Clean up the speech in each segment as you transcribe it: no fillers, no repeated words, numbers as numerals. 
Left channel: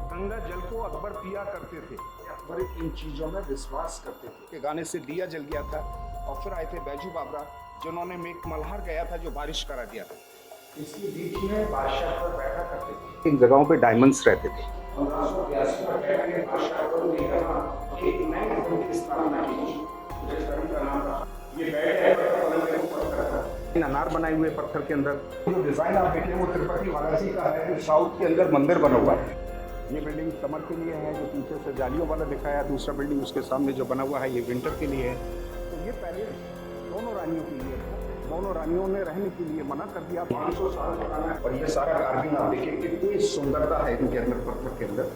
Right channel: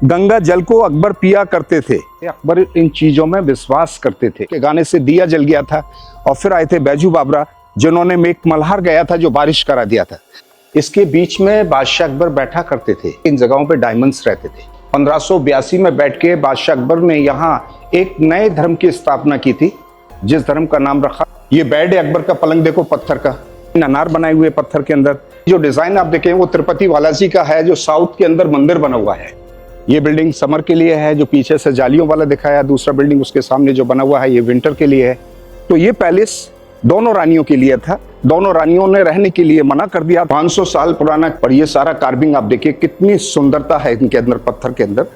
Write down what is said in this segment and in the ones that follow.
गंगा जल को अकबर पिया करते थे। अकबर इन चीजों में विश्वास करते थे कि गाने से दिया जल गया था और फिर आए थे बैजू बाबरा जिन्होंने मेघ मल्हार गया था जो बारिश करा दिया था। इसके बीच में बादशाह अकबर बैठा करते थे। इन जगहों पे डायमंड्स रहते थे। 1582 में बैठ के बादशाह अकबर ने यहाँ एक नए धर्म की स्थापना की थी जिस धर्म का नाम रखा, ये बेड है अकबर का, पलंग देखो पत्थर का, अनार बनाए हुए पत्थर के अंदर। जो डिजाइन आप देखें वो तिरुपति बालाजी का है जो साउथ के अंदर मंदिर बना हुआ है। ये बिल्डिंग समर के लिए है जो पीछे से जालियों वाला दिखाया, दूसरा बिल्डिंग उसके सामने जो बना हुआ है ये विंटर के लिए है। तो ये पैलेस दोनों रानियों के लिए था। दोनों रानियों ने रहने के लिए मना कर दिया। 500 साल पुराना, पर ये सारा कार्विंग आप देखिए कितनी सुंदरता है इनके अंदर, पत्थर के अंदर।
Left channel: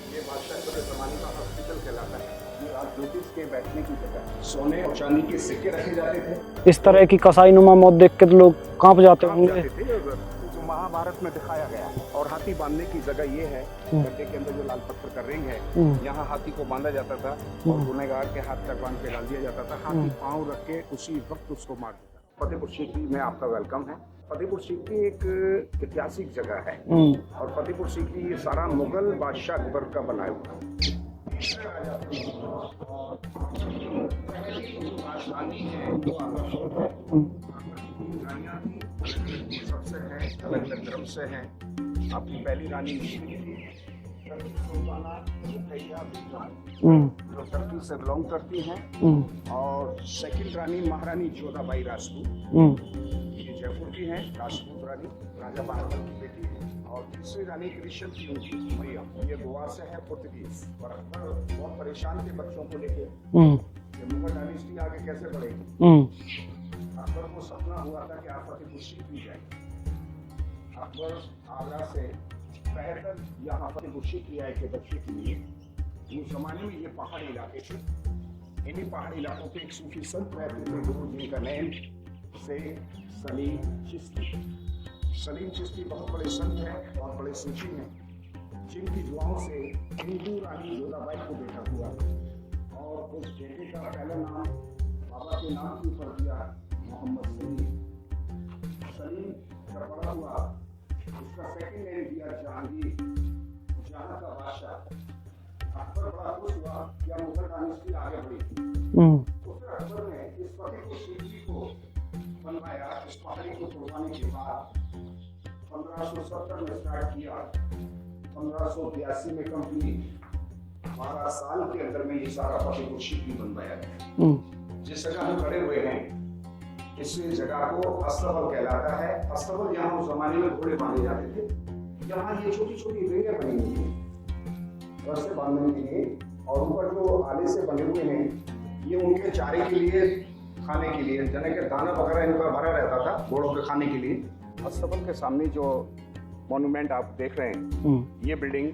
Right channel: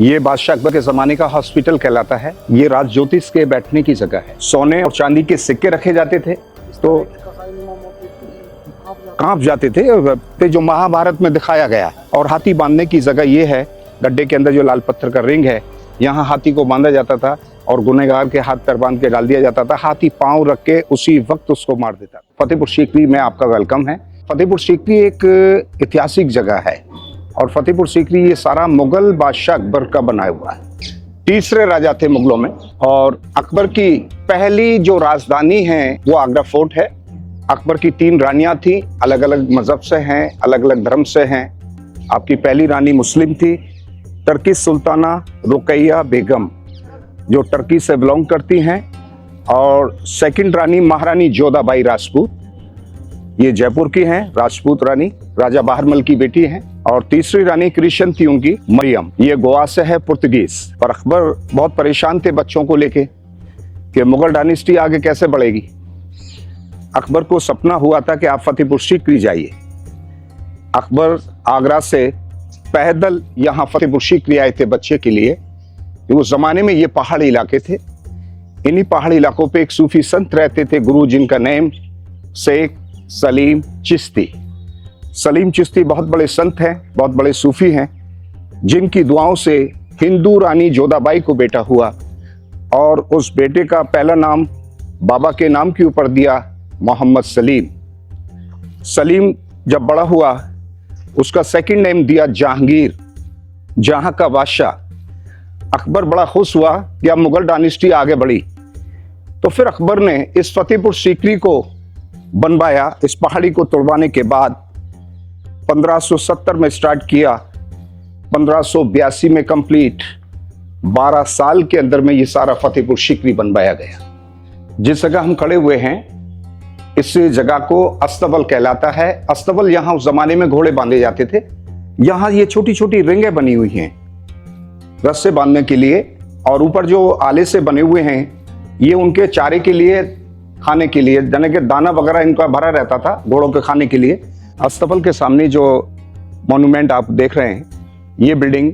ये बादशाह अकबर के जमाने का हॉस्पिटल कहलाता है। ये राज ज्योतिष के बैठने की जगह है। सोने और चांदी के सिक्के रखे जाते थे। इस तरह की कसाई नुमा मौत देख के तो लोग कांप जाते थे जो महाभारत में दिखाया गया। और हाथी बांधने की जगह ये है, गड्ढे के अंदर जो लाल पत्थर का रिंग है, यहाँ हाथी को बांधा जाता था और गुनहगार के हाथ पैर बांध के डाल दिया जाता था। हाथी पांव रख के उसी वक्त उसको मार देता। फतेहपुर सीकरी में आपका वेलकम है। फतेहपुर सीकरी एक ऐतिहासिक जगह है और फतेहपुर सीकरी ये सारा मुगल बादशाह अकबर का बनाया हुआ है। तीसरे राजा थे मुगलों में और अकबर की पहली जो राजधानी है वो आगरा फोर्ट है। अकबर की 3 रानियां थी, अलग अलग मजहब से हैं, अलग अलग धर्म से हैं। आपकी पहली रानी मुस्लिम थी, टर्की सुल्ताना रुकैया बेगम जो टर्की से बिलोंग करती हैं, और सेकंड रानी महारानी जोधाबाई राजपूत, ये जयपुर की हैं, राजपूत रानी, राजा बहारमल की बेटी हैं। और तीसरी रानी क्रिश्चियन थी उनकी, मरियम, ये गोवा से है, पुर्तगीज। पर अकबर बहुत परेशान थे बच्चों को लेके कि मुगल डायनेस्टी आगे कैसे बढ़ेगी। अकबर को सपना हुआ था कि आप फतेहपुर सीकरी जाइए। अकबर आगरा से पैदल यहाँ फतेहपुर सीकरी आए थे बच्चे के लिए। उस जमाने में ये पहाड़ी इलाके थे। इन्हीं पहाड़ी इलाकों पे एक सूफी संत रहते थे, गुरु, जिनका नेम शेख सलीम चिश्ती। सलीम चिश्ती बहुत बड़े संत हैं, बहुत बड़े सूफी हैं, जिनकी दुआओं से हिंदू रानी जोधाबाई को बेटा हुआ और उस बेटे का पहला नाम बाबा के नाम के ऊपर दिया, मोहम्मद सलीम। सलीम जब बड़ा हुआ उसका सेकंड नेम दिया जहांगीर, जहां का बादशाह। अकबर बड़ा खुश हुआ कि अब मुगल डायनेस्टी आगे बढ़ी। तो फिर अकबर ने इस फतेहपुर सीकरी को बनवाया। इस पहाड़ी को तोड़वाने के बाद 1570 में स्टार्ट किया, 1582 में कंप्लीट। 12 साल के अंदर में ये सारा फतेहपुर सीकरी बनवाया गया। जिस जगह हम खड़े हुए हैं इस जगह को अस्तबल कहलाता है। अस्तबल, यहाँ उस जमाने में घोड़े बांधे जाते थे। यहाँ ये छोटी छोटी रिंगें बनी हुई हैं रस्से बांधने के लिए, और ऊपर जो आले से बने हुए हैं ये उनके चारे के लिए, खाने के लिए, जने के दाना वगैरह इनका भरा रहता था घोड़ों के खाने के लिए। अस्तबल के सामने जो मॉन्यूमेंट आप देख रहे हैं ये बिल्डिंग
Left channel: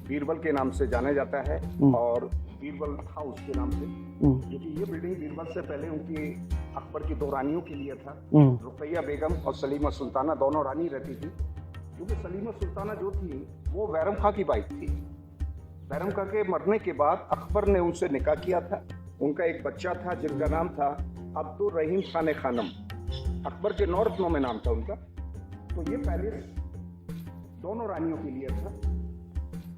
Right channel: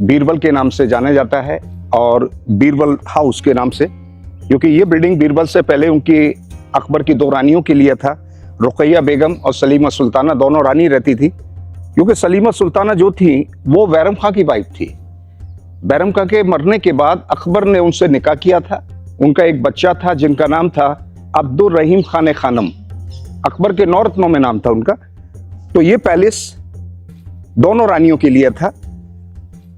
बीरबल के नाम से जाना जाता है और बीरबल हाउस के नाम से, क्योंकि ये बिल्डिंग बीरबल से पहले उनकी अकबर की 2 रानियों के लिए था। रुकैया बेगम और सलीमा सुल्ताना दोनों रानी रहती थी, क्योंकि सलीमा सुल्ताना जो थी वो बैरम खां की वाइफ थी। बैरम खां के मरने के बाद अकबर ने उनसे निकाह किया था। उनका एक बच्चा था जिनका नाम था अब्दुल रहीम खान खानम। अकबर के 9 रत्नों में नाम था उनका। तो ये पैलेस दोनों रानियों के लिए था।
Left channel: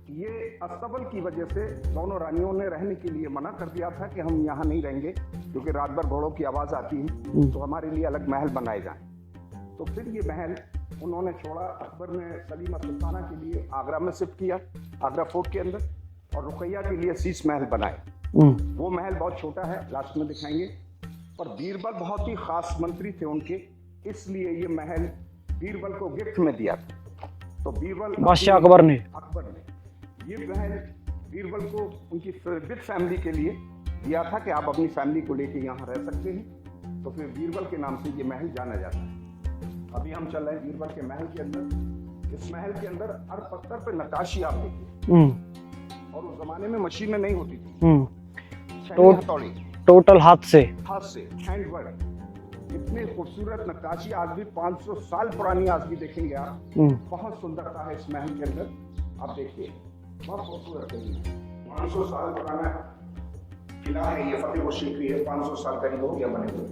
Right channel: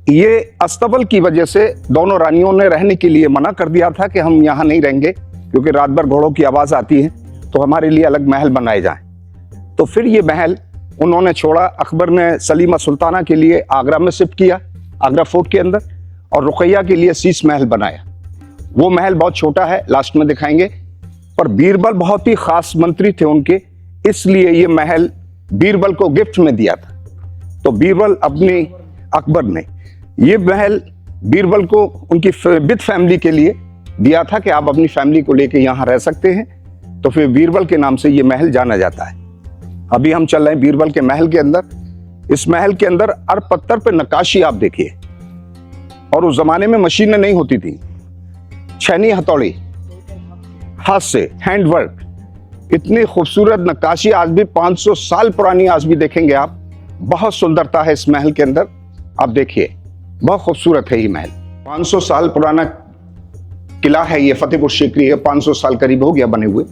ये अस्तबल की वजह से दोनों रानियों ने रहने के लिए मना कर दिया था कि हम यहाँ नहीं रहेंगे, क्योंकि रात भर घोड़ों की आवाज आती है, तो हमारे लिए अलग महल बनाए जाएं। तो फिर ये महल उन्होंने छोड़ा। अकबर ने सलीमा सुल्ताना के लिए आगरा में शिफ्ट किया, आगरा फोर्ट के अंदर, और रुकैया के लिए शीश महल बनाया। वो महल बहुत छोटा है, लास्ट में दिखाएंगे। पर बीरबल बहुत ही खास मंत्री थे उनके, इसलिए ये महल बीरबल को गिफ्ट में दिया था। तो बीरबल अकबर ने ये महल बीरबल को उनकी विद फैमिली के लिए दिया था कि आप अपनी फैमिली को लेके यहाँ रह सकते हैं। तो फिर बीरबल के नाम से ये महल जाना जाता है। अभी हम चल रहे हैं बीरबल के महल के अंदर। इस महल के अंदर हर पत्थर पे नक्काशी आप देखिए, और उस जमाने में मशीनें नहीं होती थी, छैनी हथौड़ी, टोटल हाथ से हैंडवर्क। इतनी खूबसूरत नक्काशी आज भी 500 साल पुरानी आज भी देखेंगे आप। बहुत सुंदरता है इस महल के अंदर, आप देखिए बहुत खूबसूरत है ये महल। 500 साल पुराना किला है ये, फतेहपुर सीकरी है, 500 साल करीब हो गया बने हुए।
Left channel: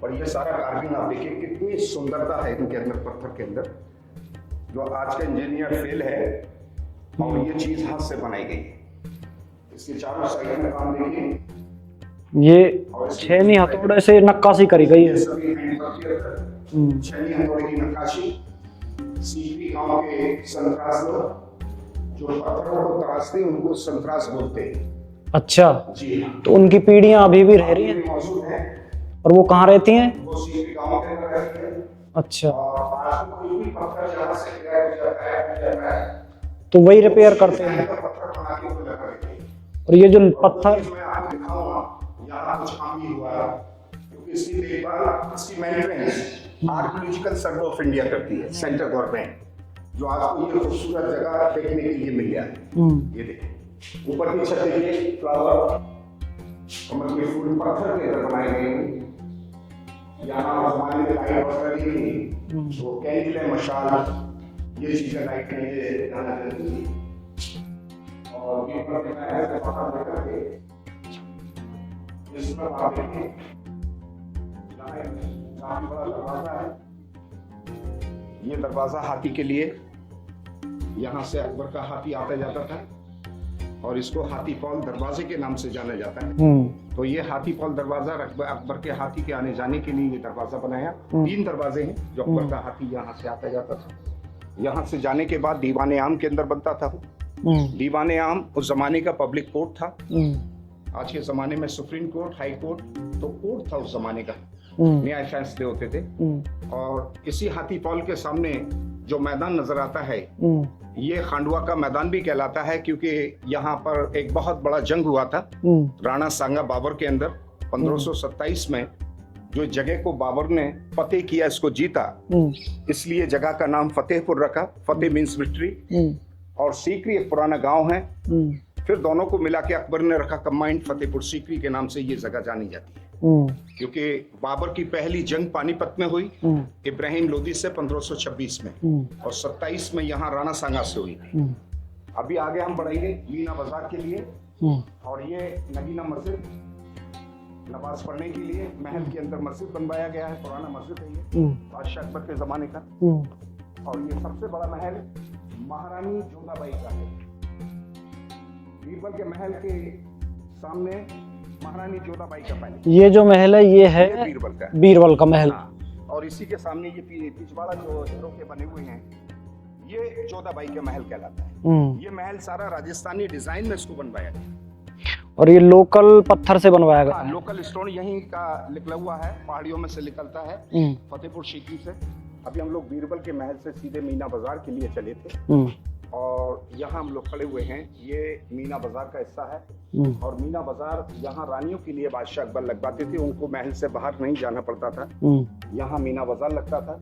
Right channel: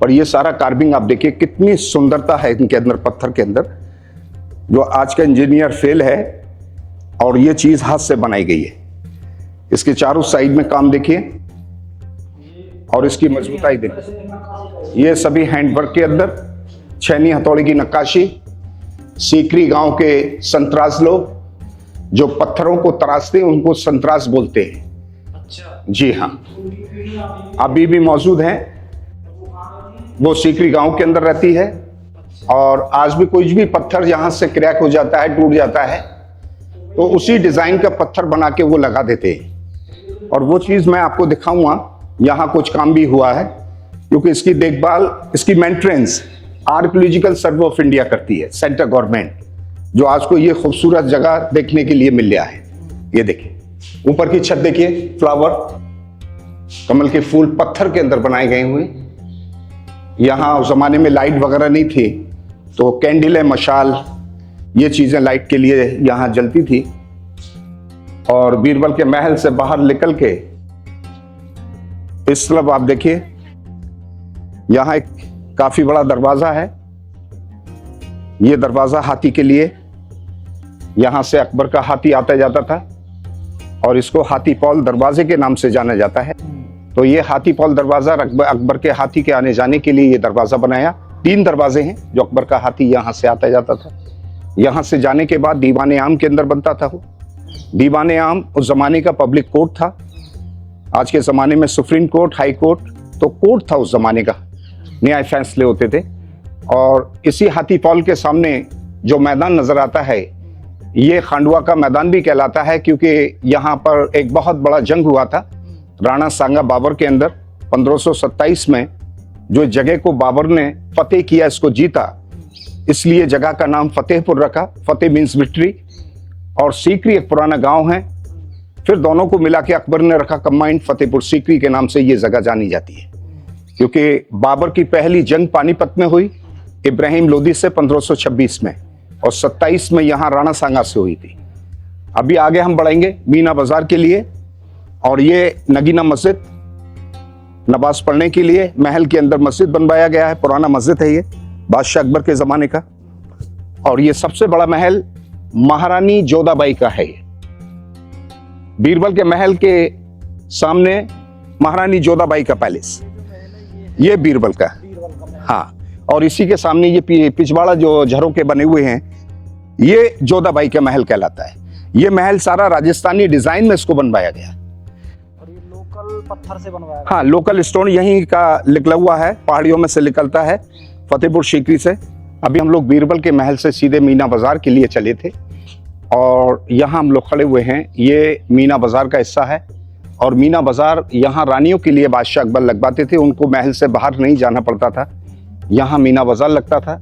पर ये सारा कार्विंग आप देखिए कितनी सुंदरता है इनके अंदर, पत्थर के अंदर। जो आज का इंजीनियर फेल है और ये चीज हाथ से बनाई गई है। इसके चारों साइड में काम देखिए, ये और इसकी छेनी मजबूताई हथौड़े देखिए। से नक्काशी करी गई। ये सभी हैंडवर्क के अंदर छेनी हथौड़ी की नक्काशी। सीकरी गांव के संतराज लोग जो पत्थरों को तराशते हैं उनको संतराज बोलते हैं। अच्छा, जी हाँ, तो उनकी पीढ़ियां अभी भी अभी भी मौजूद हैं। और वो कहाँ रहती हैं? वो सीकरी गांव के अंदर रहती है। अच्छा, और आज भी कुछ भी पत्थर यहाँ से क्रैक हो जाता है, टूट जाता है, तो वही तो repair उसी करते डिजाइन हैं। का पत्थर बना के वो लगा देते हैं। और ये जो और वो पत्थर- चीज मैं आपको दिखाऊंगा, यहाँ कुछ काम भी हुआ है, क्योंकि इसकी देखभाल, इसकी maintenance archaeological survey of India करती है, सेंट्रल गवर्नमेंट, जो आज को ये खूबसूरत जगह देखने के लिए मिल गया है। ये देखिए, ऊपर की छत देखिए, फ्लावर, कमल के फूल पत्थर के अंदर बनाए गए हुए। यहाँ उस जमाने में लाइट वगैरह नहीं थी, तो कैंडल है, मशाल, ये चीजें लाइट के लिए यहाँ जलती थी। और बीरबल के महल से बाहर निकल के इस तरफ आप देखिए, यहाँ एक काफी बड़ा दरवाजा है। ये दरवाजा हाथी के लिए, यहाँ से अकबर का हाथी आता जाता था और इसको हाथी पॉल दरवाजे के नाम से जाना जाता है। तो ये हाथी पॉल दरवाजा अकबर के हाथी के आने जाने के लिए ये दरवाजा बनाया। 3 दरवाजे हैं जो अकबर का हाथी यहाँ से आता जाता था। यहाँ से जाने के बाद दीवाने आम के अंदर बनता था वो। दीवाने आम उस जमाने का पब्लिक कोर्ट था। आज के जमाने में सुप्रीम कोर्ट, हाई कोर्ट, तो कोर्ट था उस जमाने का, न्याय फैसले होते थे। और इसी हाथी पॉल के सामने जो मैदान नजर आता है, ये खांडवा का मैदान भी कहलाता है, क्योंकि यहाँ पर एक बहुत बड़ा जंग हुआ था राणा सांगा बाबर के अंदर 1527 में। जो जगह को बाबर ने फतेह किया, इसको जीता, इसलिए जगह का नाम फतेहपुर रखा। फतेह मीन्स विक्ट्री। और सीकरी एक पुराना गांव है, फिर दोनों को मिला के अकबर ने रखा कंबाइंड फतेहपुर सीकरी के नाम से ये जगह जानी जाती है। क्योंकि बाबर की पहली जंग पानीपत में हुई इब्राहिम लोदी से 1526 में, और 27 में यहाँ राणा सांगा से हुई थी। अभी आगे हम बढ़ेंगे मीना बाजार के लिए। और ये नगीना मस्जिद, नमाज पढ़ने के लिए महल के अंदर मस्जिद बनवाया गया है। पुराना मस्जिद है ये, बादशाह अकबर के जमाने का। और ये सबसे बड़ा महल महारानी जोधाबाई का है। बीरबल के महल के सामने महारानी जोधाबाई का पैलेस। ये जो महल है ये बीरबल का महल। हाँ, और इसी के सामने ये पिछवाड़ा जो झरों के बने हुए हैं, ये जोधाबाई का महल कहलाता है। ये महल सारा राजस्थानी डिजाइन में इसको बनवाया गया। और ये लोकल पत्थर से बनवाया गया। हाँ, लोकल स्टोन यहीं का निकला हुआ है, पहाड़ियों में से निकलता है, फतेहपुर सीकरी से। अभी हम लोग बीरबल के महल से सीधे मीना बाजार के लिए चले थे, और यहाँ हम लोग खड़े हुए हैं। ये मीना बाजार का हिस्सा है। और मीना बाजार यहाँ रानियों के लिए बादशाह अकबर लगवाते थे, उनको महल से बाहर नहीं जाना पड़ता था। यहाँ मीना बाजार लगता था,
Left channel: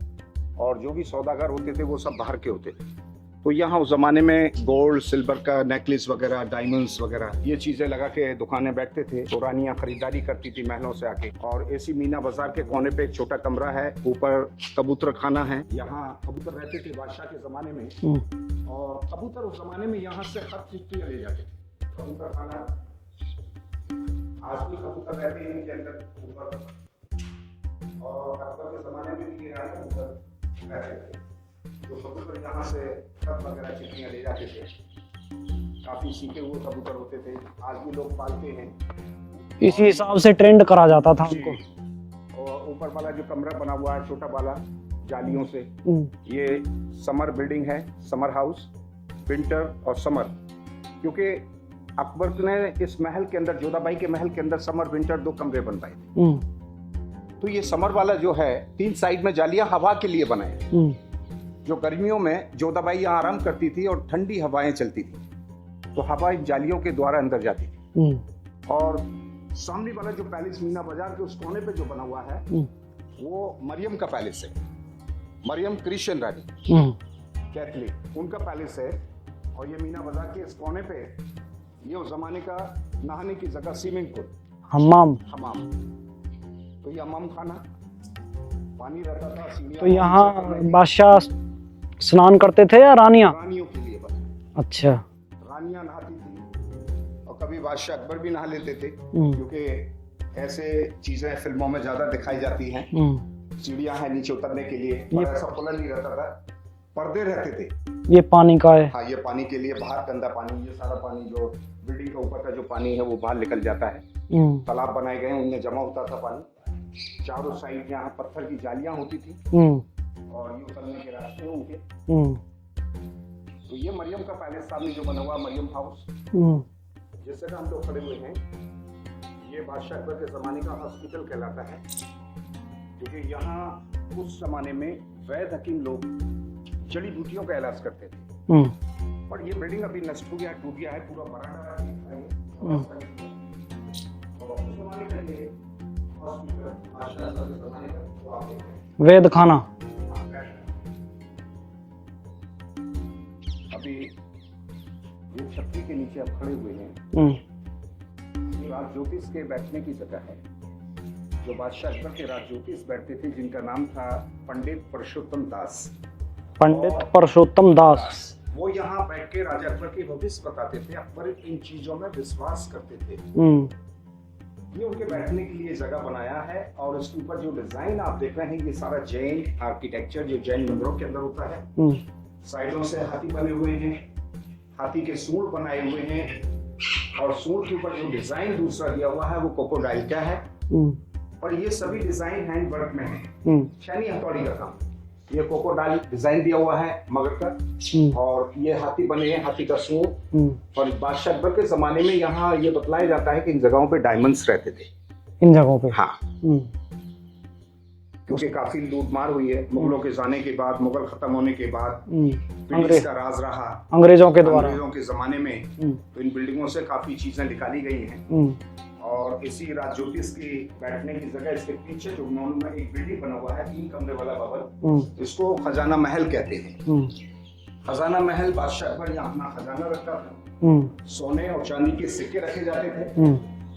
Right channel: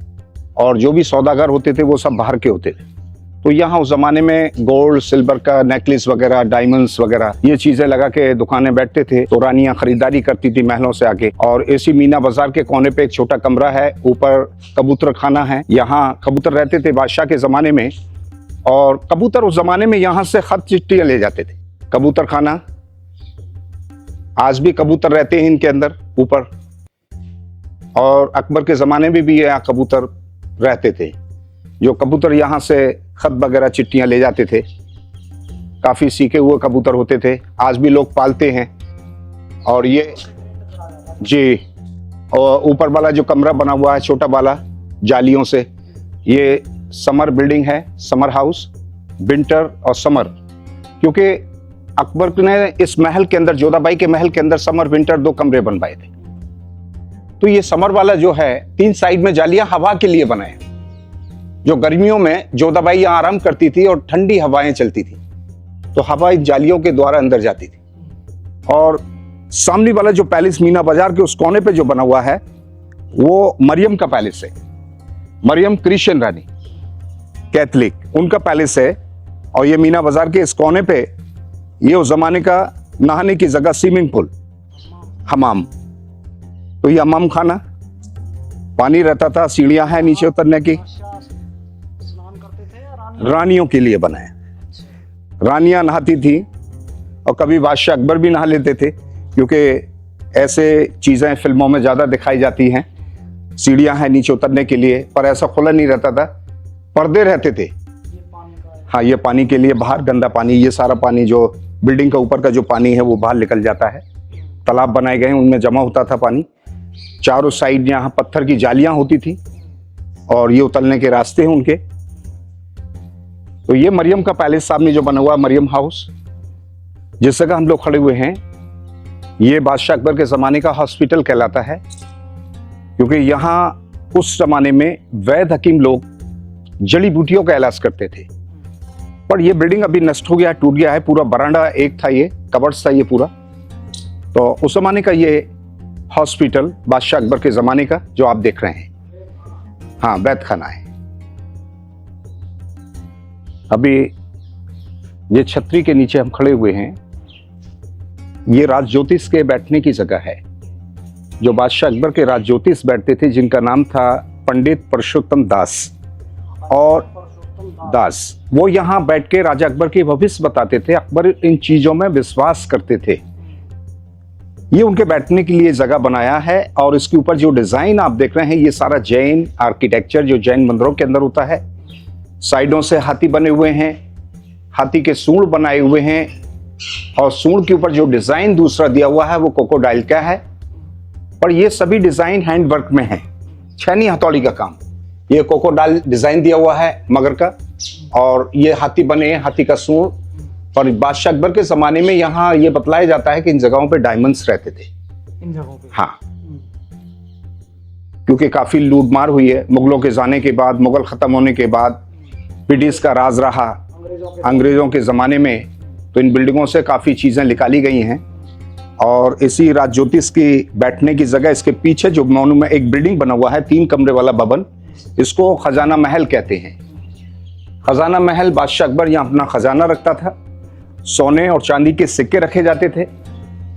और जो भी सौदागर होते थे वो सब बाहर के होते थे। तो यहाँ उस जमाने में गोल्ड सिल्वर का नेकलेस वगैरह, डायमंड्स वगैरह, ये चीजें लगा के दुकानें बैठते थे, तो रानियां खरीदारी करती थी महलों से आके। और इसी मीना बाजार के कोने पे एक छोटा कमरा है, ऊपर कबूतर खाना है। यहाँ कबूतर रहते थे बादशाह के जमाने में, और कबूतर उस जमाने में यहाँ से खत चिट्ठियां ले जाते थे। कबूतर खाना, आज भी कबूतर रहते हैं इनके अंदर ऊपर। और अकबर के जमाने में भी यहाँ कबूतर रहते थे, जो कबूतर यहाँ से खत वगैरह चिट्ठियां ले जाते थे। काफी सीखे हुए कबूतर होते थे, आज भी लोग पालते हैं। और ये से ट्रेंड करा जाता था जी। और ऊपर वाला जो कमरा बना हुआ है छोटा वाला जालियों से, ये समर बिल्डिंग है, समर हाउस, विंटर और समर। क्योंकि अकबर ने इस महल के अंदर, जोधाबाई के महल के अंदर समर विंटर 2 कमरे बनवाए थे। तो ये समर वाला जो है, 3 साइड में जालियां हवा के लिए बनाए। जो गर्मियों में जोधाबाई यहाँ आराम करती थी और ठंडी हवाएं चलती थी, तो हवा जालियों के द्वारा अंदर जाती थी। और सामने वाला जो पैलेस मीना बाजार के उस कोने पे जो बना हुआ है, वो मरियम का पैलेस है। मरियम क्रिश्चियन रानी, कैथलिक, उनका पैलेस है। और ये मीना बाजार के इस कोने पे ये उस जमाने का नहाने की जगह, स्विमिंग पूल, हमाम। तो ये हमाम खाना, पानी रहता था, सीढ़ियां हैं नीचे उतरने की। बादशाह स्नान करते थे या रानियां? रानियों के लिए बना है। अच्छा। रानियां नहाती थी, और कभी बादशाह अकबर भी नहा लेते थे, क्योंकि ऐसे चीजें फिल्मों में ज्यादा दिखाई जाती हैं। सीढ़ियां हैं नीचे उतरने के लिए, पर ऐसा खुला नहीं रहता था, पर्दे रहते थे। ये पानी का है। हाँ, ये पानी के लिए बाहर गंदा पानी, ये सारा पानी जो बिल्डिंग का ऊपर का जो पानी है वो बाहर निकल जाता है। तालाब बनाए गए हैं, उनमें जमा होता था पानी। चारों साइड यहाँ पत्थर की जालियां होती थी और ये उतरने के रास्ते हैं उनके। तो ये मरियम का पैलेस सामने जो बना हुआ मरियम हाउस, जिस जगह हम लोग खड़े हुए हैं, ये बादशाह अकबर के जमाने का हॉस्पिटल कहलाता है, क्योंकि यहाँ उस जमाने में वैद्य हकीम लोग जड़ी बूटियों का इलाज करते थे। पर ये बिल्डिंग अभी नष्ट हो गया, टूट गया है। पूरा बरामदा एक था, ये कबर्ड्स था ये पूरा। तो उस जमाने का ये हॉस्पिटल बादशाह अकबर के जमाने का जो आप देख रहे हैं, वैद्य खाना। हाँ, वैद्य खाना है। अभी ये छतरी के नीचे हम खड़े हुए हैं, ये राज ज्योतिष के बैठने की जगह है। जो बादशाह अकबर के राज ज्योतिष बैठते थे, जिनका नाम था पंडित परशुत्तम दास। और परशुत्तम दास, वो यहाँ बैठ के राजा अकबर के भविष्य बताते थे। अकबर इन चीजों में विश्वास करते थे। ये उनके बैठने के लिए जगह बनाया है। और इसके ऊपर जो डिजाइन आप देख रहे हैं, ये सारा जैन आर्किटेक्चर जो जैन मंदिरों के अंदर होता है। साइडों से हाथी बने हुए हैं, हाथी के सूंड बनाए हुए हैं, और सूंड के ऊपर जो डिजाइन दूसरा दिया हुआ है वो क्रोकोडाइल का है। पर ये सभी डिजाइन हैंडवर्क में है, छेनी हथौड़ी का काम। ये क्रोकोडाइल डिजाइन दिया हुआ है मगर का, और ये हाथी बने हैं, हाथी का सूंड। और बादशाह अकबर के जमाने में यहाँ ये बतलाया जाता है कि इन जगहों पे डायमंड्स रहते थे, इन जगहों पे। हाँ, क्योंकि काफी लूटमार हुई है मुगलों के जाने के बाद, मुगल खत्म होने के बाद ब्रिटिश का राज रहा अंग्रेजों के जमाने में। तो इन बिल्डिंगों से काफी चीजें निकाली गई हैं। और इसी राज ज्योतिष की बैठने की जगह, इसके पीछे जो मोनुमेंट एक बिल्डिंग बना हुआ है, 3 कमरे वाला भवन, इसको खजाना महल कहते हैं। खजाना महल, बादशाह अकबर यहाँ अपना खजाना रखता था। सोने और चांदी के सिक्के रखे जाते थे।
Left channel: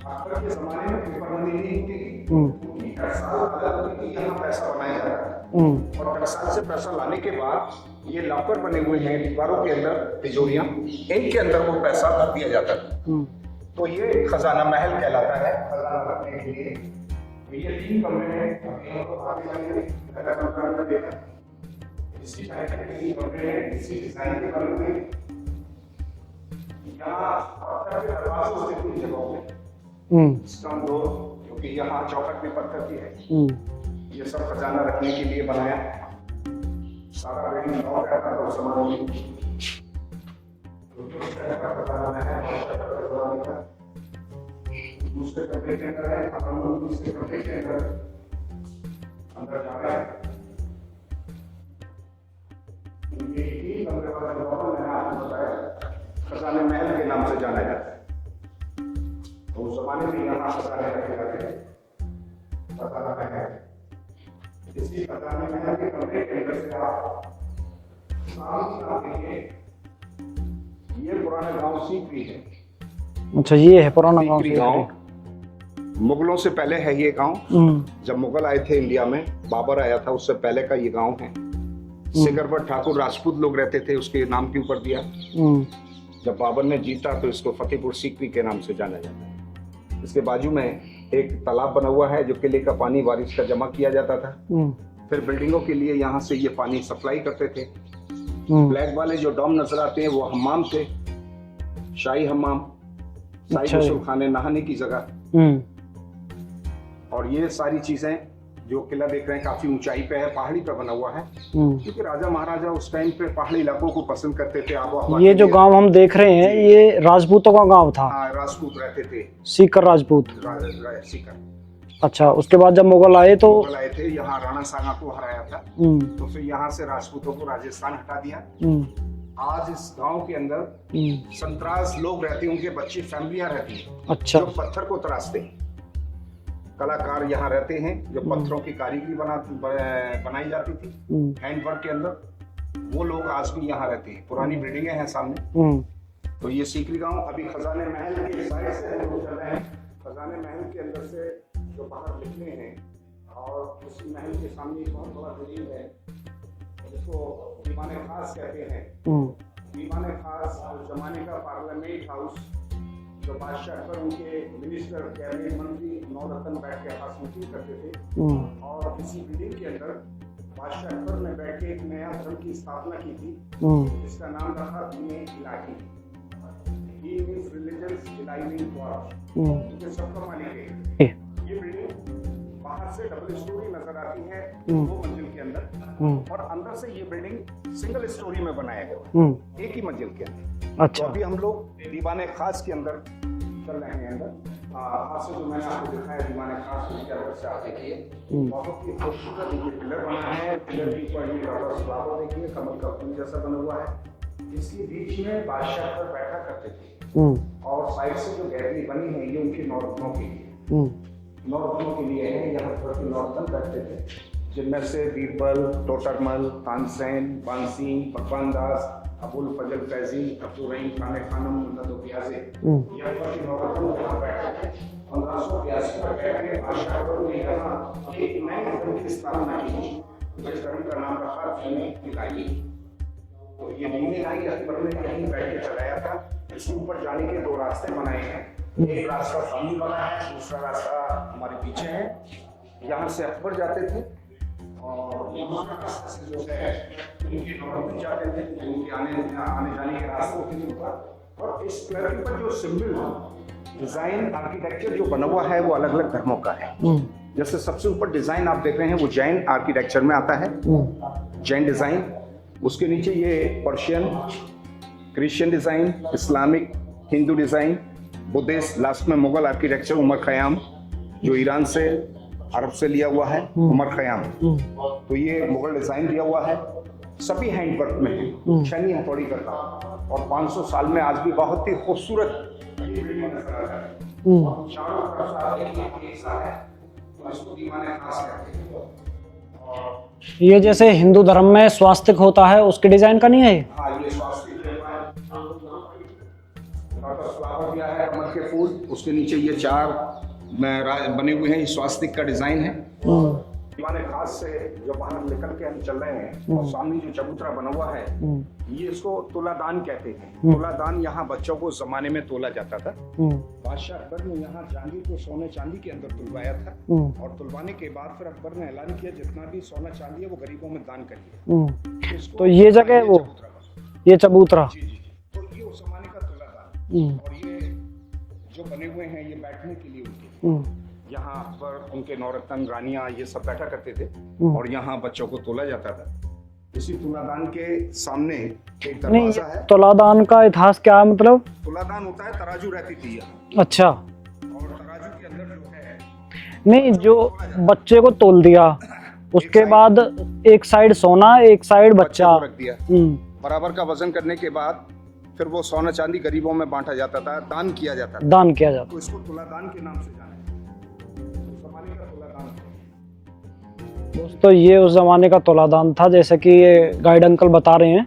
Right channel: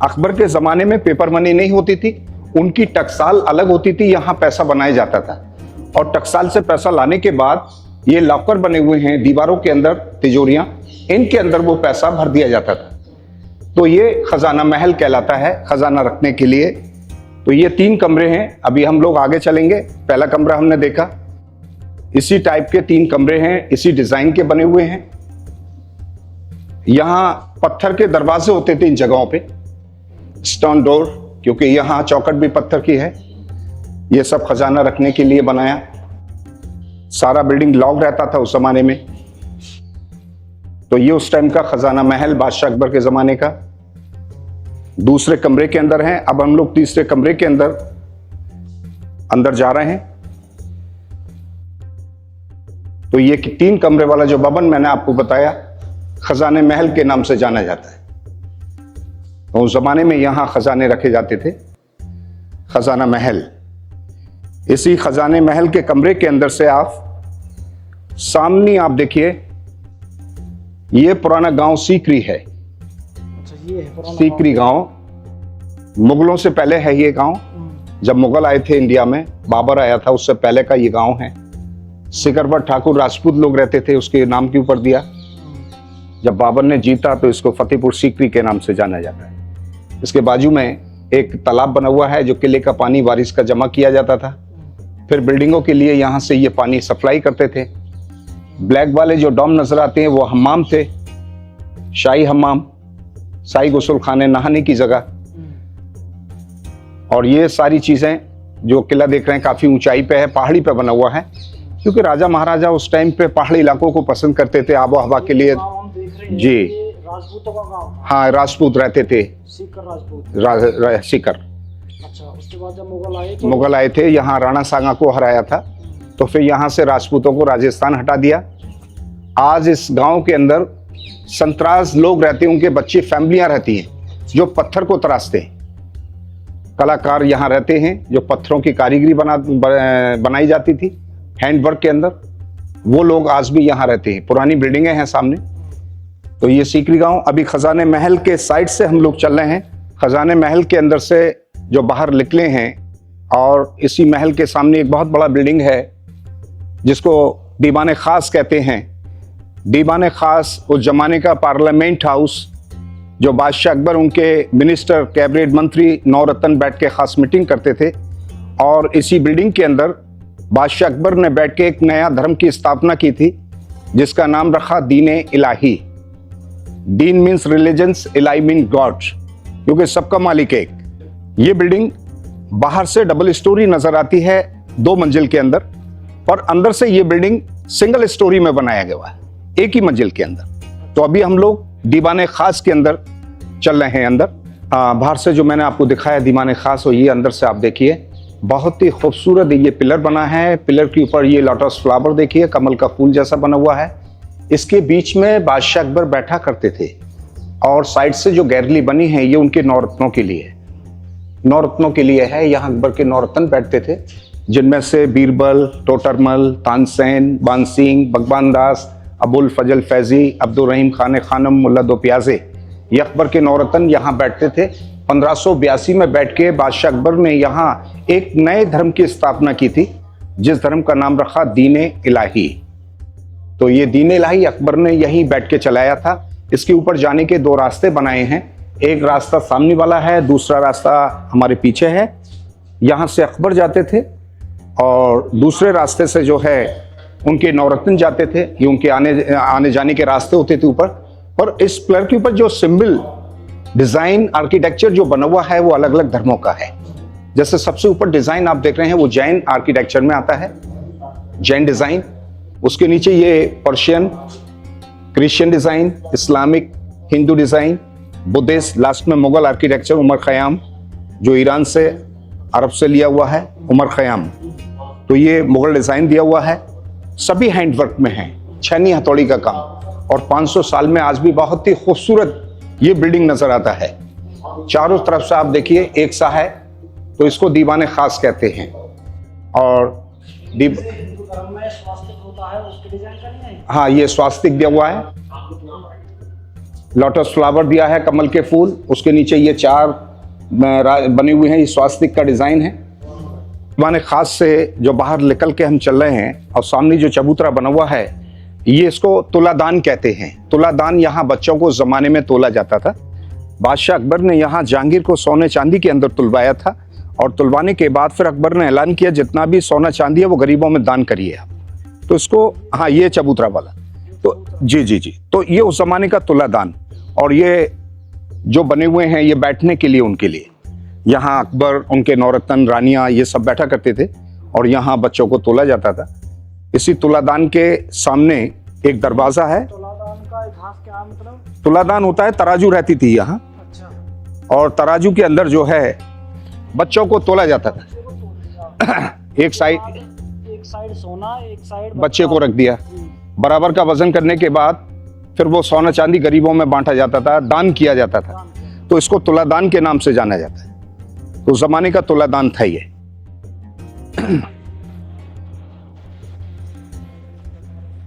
अकबर के जमाने में पेपर मनी नहीं होती थी, उनकी टकसाल अलग होती थी, यहाँ पैसा बनाया जाता था। और टकसाल से पैसा लाने के बाद ये लॉकर बने हुए हैं दीवारों के अंदर, तिजोरियां, इनके अंदर वो पैसा भर दिया जाता था। तो ये खजाना महल कहलाता है, खजाना रखने के लिए। तो ये 3 कमरे हैं। अभी हम लोग आगे चलेंगे। पहला कमरा हमने देखा, इसी टाइप के 3 कमरे हैं, इसी डिजाइन के बने हुए हैं। यहाँ पत्थर के दरवाजे होते थे इन जगहों पे, स्टोन डोर, क्योंकि यहाँ चौखट भी पत्थर की है। ये सब खजाना रखने के लिए बनाया। सारा बिल्डिंग लॉक रहता था उस जमाने में। तो ये उस टाइम का खजाना महल बादशाह अकबर के जमाने का। दूसरे कमरे के अंदर हैं। अब हम लोग तीसरे कमरे के अंदर जा रहे हैं। तो ये 3 कमरे वाला जो भवन मैंने आपको बताया, खजाने महल के नाम से जाना जाता है। तो उस जमाने में यहां खजाने रखे जाते थे, खजाना महल। इसी खजाने महल के कमरे के अंदर से आप सामने आप देखिए, ये पुराना गांव सीकरी है। अच्छा, ये है पुराना सीकरी गांव। मुगलों से पहले है ये गांव। जब मुगल आए थे इंडिया में, बाबर आया था, उससे पहले का ये गांव है। सिकरवर ठाकुर राजपूत लोग रहते थे, उसके नाम के ऊपर दिया। जब बाबर ने जीता तो इसको फतेहपुर सीकरी के नाम से जाना जाता है। इसके बाजू में एक तालाब बना हुआ है, जो किले का पानी बारिश का जमा किया जाता था। फिर बिल्डिंगों के लिए यहाँ से ये पानी सप्लाई करते थे। ब्लैक वाले जो डॉम नजर आते हैं वो हम्माम थे, शाही हम्माम, शाही गुस्ल खाने, नहाने की जगह। और ये सारी चीजें जो किला देख रहे हैं काफी ऊंचाई पे है, पहाड़ी पे बना हुआ है, क्योंकि राजा महाराजा उस टाइम पे पहाड़ी इलाकों को पसंद करते थे आबो हवा के लिए। ये जो गांव हम देख रहे हैं, ये राजपूतों का गांव था। हाँ, राजपूत रहते थे, सीकर राजपूत। सीकर। अच्छा, उसके बाद जब मुगल आए थे, यहाँ राणा सांगा को हराया था। तो फिर यहाँ से राजपूतों को राजस्थान हटा दिया। आज इस गांव के अंदर 37 लोग रहते हैं, उनके बच्चे, फैमिलियां रहती हैं। अच्छा। जो पत्थर को तराशते हैं। कलाकार यहाँ रहते हैं, जो पत्थरों की कारीगरी बनाई जाती थी हैंडवर्क के अंदर, वो लोग आज भी यहाँ रहते हैं। पुरानी बिल्डिंगें हैं सामने। तो ये सीकरी गांव। अभी खजाने महल के साइड से हम लोग चल रहे हैं। खजाने महल के अंदर से जो बाहर निकले हैं, और इसी महल के सामने एक बहुत बड़ा बिल्डिंग है जिसको दीवाने खास कहते हैं। दीवाने खास उस जमाने का पार्लियामेंट हाउस, जो बादशाह अकबर, उनके मिनिस्टर, कैबिनेट मंत्री, नौरत्न बैठ के खास मीटिंग करते थे। और इसी बिल्डिंग के अंदर बादशाह अकबर ने बैठ के एक नया धर्म की स्थापना की थी, जिसका नाम रखा दीन इलाही। दीन मीन्स रिलीजन्स, इलाही मीन गॉड, क्योंकि सबका मालिक एक। ये बिल्डिंग बाहर से डबल स्टोरी नजर आती है 2 मंजिल के अंदर, पर अंदर से ये बिल्डिंग सिंगल स्टोरी में बनाया गया है, एक ही मंजिल के अंदर। अच्छा। तो अभी हम लोग दीवाने खास के अंदर चल रहे हैं। अंदर बाहर से जो मैंने आपको दिखाया दीवाने खास, और ये अंदर से आप देखिए बहुत ही खूबसूरत ये पिलर बना है। पिलर के ऊपर ये लोटस फ्लावर देखिए, कमल का फूल जैसा बना हुआ है। इसके बीच में बादशाह अकबर बैठा करते थे, और साइड से जो गैलरी बनी है ये उनके नौरत्नों के लिए है। नौरत्नों के लिए है, यहाँ अकबर के नौरत्न बैठते थे, जिनमें से बीरबल, टोटरमल, तानसेन, बानसिंह, भगवान दास, अबुल फजल फैजी, अब्दुल रहीम खान खानम, मुल्ला दो प्याजे, ये अकबर के नौरत्न यहाँ बैठते थे। 1582 में बैठ के बादशाह अकबर ने यहाँ एक नए धर्म की स्थापना की थी, जिस धर्म का नाम रखा दीन इलाही। तो ये दीन इलाही अकबर ने यहीं बैठ के चलाया था। इसके ऊपर जाने के 2 रास्ते बनाए हैं, एक रास्ता सामने वाला है, दूसरा रास्ता हमारे पीछे है। यहाँ से अकबर जाते थे और दूसरे रास्ते से जो है उनके नौरत्न जाते थे। ये उनके आने जाने के रास्ते होते थे ऊपर। और इस पिलर के ऊपर जो सिंबल डिजाइन आर्किटेक्चर जो बना हुआ है वो अलग अलग धर्मों का है। जैसे सबसे ऊपर डिजाइन आप देख रहे हैं वो जैन आर्किटेक्चर में आता है, जैन डिजाइन। उसके नीचे ये Persian, Christian design, Islamic, Hindu design, Buddhist, last में मुगल आर्किटेक्चर, उमर खयाम जो ईरान से अरब से लिया हुआ है, उमर खयाम। तो ये मुगल डिजाइन दिया हुआ है, सभी हैंडवर्क में है, छेनी हथौड़ी का काम। और 500 साल में आज भी बहुत ही खूबसूरत ये बिल्डिंग नजर आता है। चारों तरफ से आप देखिए एक सा है, तो इसको दीवाने खास कहते हैं। और ये जैसे हिंदू धर्म में स्वास्तिक होता है उसके डिजाइन का नहीं है? हाँ, ये स्वास्तिक दिया हुआ है, लोटस फ्लावर दिया है, कमल के फूल, उसके नीचे ये 4 बने हुए हैं, ये स्वास्तिक का डिजाइन है। दीवाने खास से जो बाहर निकल के हम चल रहे हैं, और सामने जो चबूतरा बना हुआ है ये इसको तुलादान कहते हैं। तुलादान यहाँ बच्चों को जमाने में तोला जाता था। बादशाह अकबर ने यहाँ जहांगीर को सोने चांदी के अंदर तुलवाया था, और तुलवाने के बाद फिर अकबर ने ऐलान किया जितना भी सोना चांदी है वो गरीबों में दान करिए। तो इसको हाँ, ये चबूतरा वाला, ये चबूतरा, जी जी जी। तो ये उस जमाने का तुलादान। और ये जो बने हुए हैं ये बैठने के लिए, उनके लिए यहाँ अकबर, उनके नौरत्न, रानियां, ये सब बैठा करते थे, और यहाँ बच्चों को तोला जाता था। इसी तुलादान के सामने एक दरवाजा है। तुलादान का इतिहास क्या है? मतलब तुलादान होता है, तराजू रहती थी यहाँ। अच्छा। और तराजू के अंदर जो है बच्चों को तोला जाता है। बच्चे को तोल दिया उसके बाद एक साइड सोना, एक साइड बच्चे को रख दिया। बराबर का वजन करने के बाद फिर वो सोना चांदी गरीबों में बांटा जाता था, दान किया जाता था। दान किया जाता, तो इसको तुलादान के नाम से जाना जाता है। तो उस जमाने का तुलादान था ये। तो ये उस जमाने का तुलादान था, जैसे कि ये गाइड अंकल बता रहे हैं।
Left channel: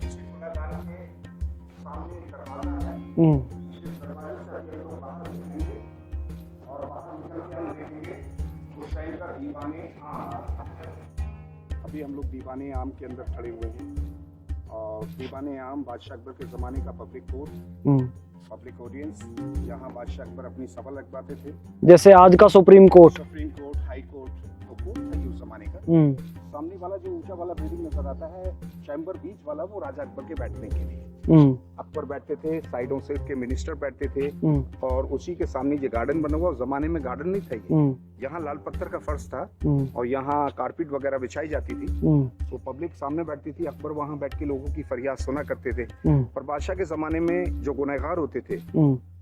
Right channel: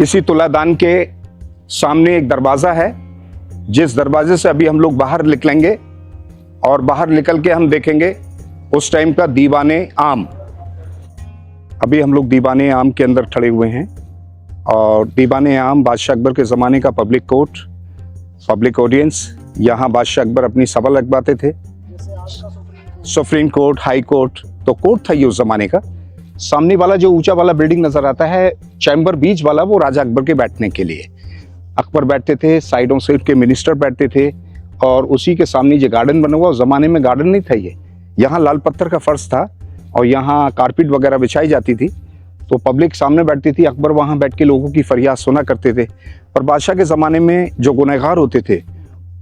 इसी तुलादान के सामने एक दरवाजा है, जिस दरवाजे से अभी हम लोग बाहर निकलेंगे, और बाहर निकल के हम देखेंगे उस टाइम का दीवाने आम। अभी हम लोग दीवाने आम के अंदर खड़े हुए हैं, और दीवाने आम बादशाह अकबर के जमाने का पब्लिक कोर्ट, पब्लिक ऑडियंस। यहाँ बादशाह अकबर अपनी सभा लगवाते थे, जैसे आज का सुप्रीम कोर्ट, हाई कोर्ट। तो कोर्ट था ये उस जमाने का। सामने वाला जो ऊंचा वाला बिल्डिंग नजर आता है, चैम्बर बीच वाला, वो राजा अकबर के बैठने के लिए। अकबर बैठते थे, साइडों से उसके मिनिस्टर बैठते थे, और उसी के सामने जो गार्डन बना हुआ, उस जमाने में गार्डन नहीं था ये। यहाँ लाल पत्थर का फर्श था, और यहाँ कारपेट वगैरह बिछाई जाती थी। तो पब्लिक सामने बैठती थी, अकबर वहां बैठ के लोगों की फरियाद सुना करते थे। और बादशाह के जमाने में जो गुनहगार होते थे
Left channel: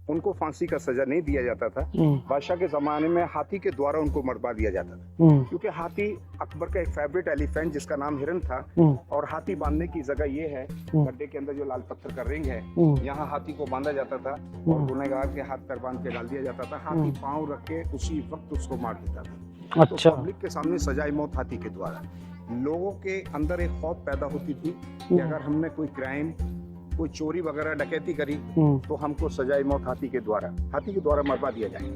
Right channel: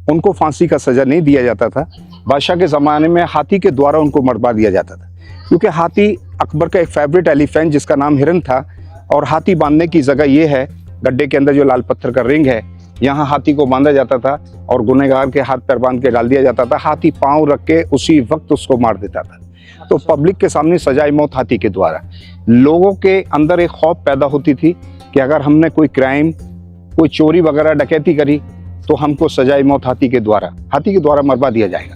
उनको फांसी का सजा नहीं दिया जाता था। बादशाह के जमाने में हाथी के द्वारा उनको मरवा दिया जाता था, क्योंकि हाथी अकबर का एक फेवरेट एलिफेंट जिसका नाम हिरन था। और हाथी बांधने की जगह ये है, गड्ढे के अंदर जो लाल पत्थर का रिंग है, यहाँ हाथी को बांधा जाता था, और गुनहगार के हाथ पैर बांध के डाल दिया जाता था। हाथी पांव रख के उसी वक्त उसको मार देता था। अच्छा। तो पब्लिक के सामने सजाए मौत हाथी के द्वारा। लोगों के अंदर एक खौफ पैदा होती थी कि अगर हमने कोई क्राइम, कोई चोरी वगैरह डकैती करी, तो हमको सजाए मौत हाथी के द्वारा मरवा दिया जाएगा।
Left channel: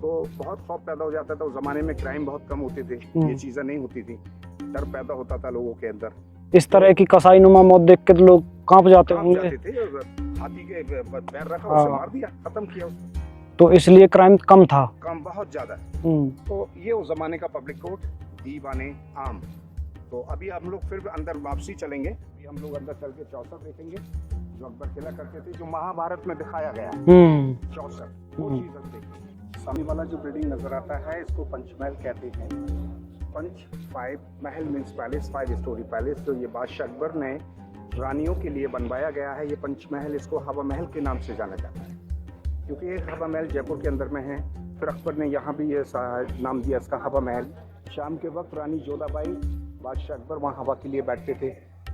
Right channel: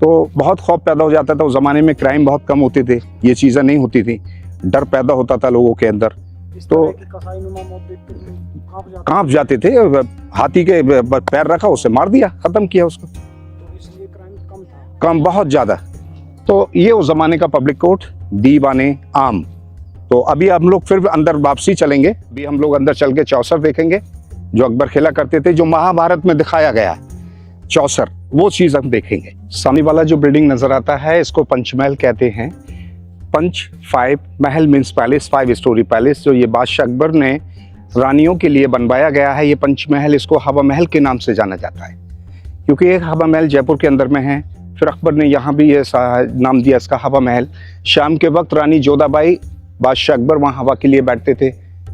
तो बहुत खौफ पैदा हो जाता था। उस जमाने में क्राइम बहुत कम होते थे, ये चीजें नहीं होती थी, डर पैदा होता था लोगों के अंदर। इस तरह की कसाई नुमा मौत देख के लोग कांप जाते थे। हाथी के पैर रखा, उसे मार दिया, खत्म किया उसको। तो इसलिए क्राइम कम था, कम, बहुत ज्यादा। तो ये उस जमाने का पब्लिक कोर्ट, दीवाने आम। तो अभी हम लोग फिर अंदर वापसी चलेंगे। अभी हम लोग अंदर चल के चौसर देखेंगे जो अकबर खेला करते थे, जो महाभारत में दिखाया गया चौसर, वो चीज हम देखेंगे। सामने वाला जो बिल्डिंग नजर आता है इसको पंचमहल कहते हैं। पंच 5 महल मीन्स पैलेस, 5 स्टोरी पैलेस, जो ये बादशाह अकबर ने रानियों के लिए बनवाया गया है। ये पंचमहल, इसको हवा महल के नाम से जाना जाता है क्योंकि एक हवा महल जयपुर के अंदर में है। फिर अकबर ने यहाँ भी ये नाम दिया इसका हवा महल। शाम के वक्त रानी जोधाबाई, बादशाह अकबर वहाँ हवा के लिए बैठते थे।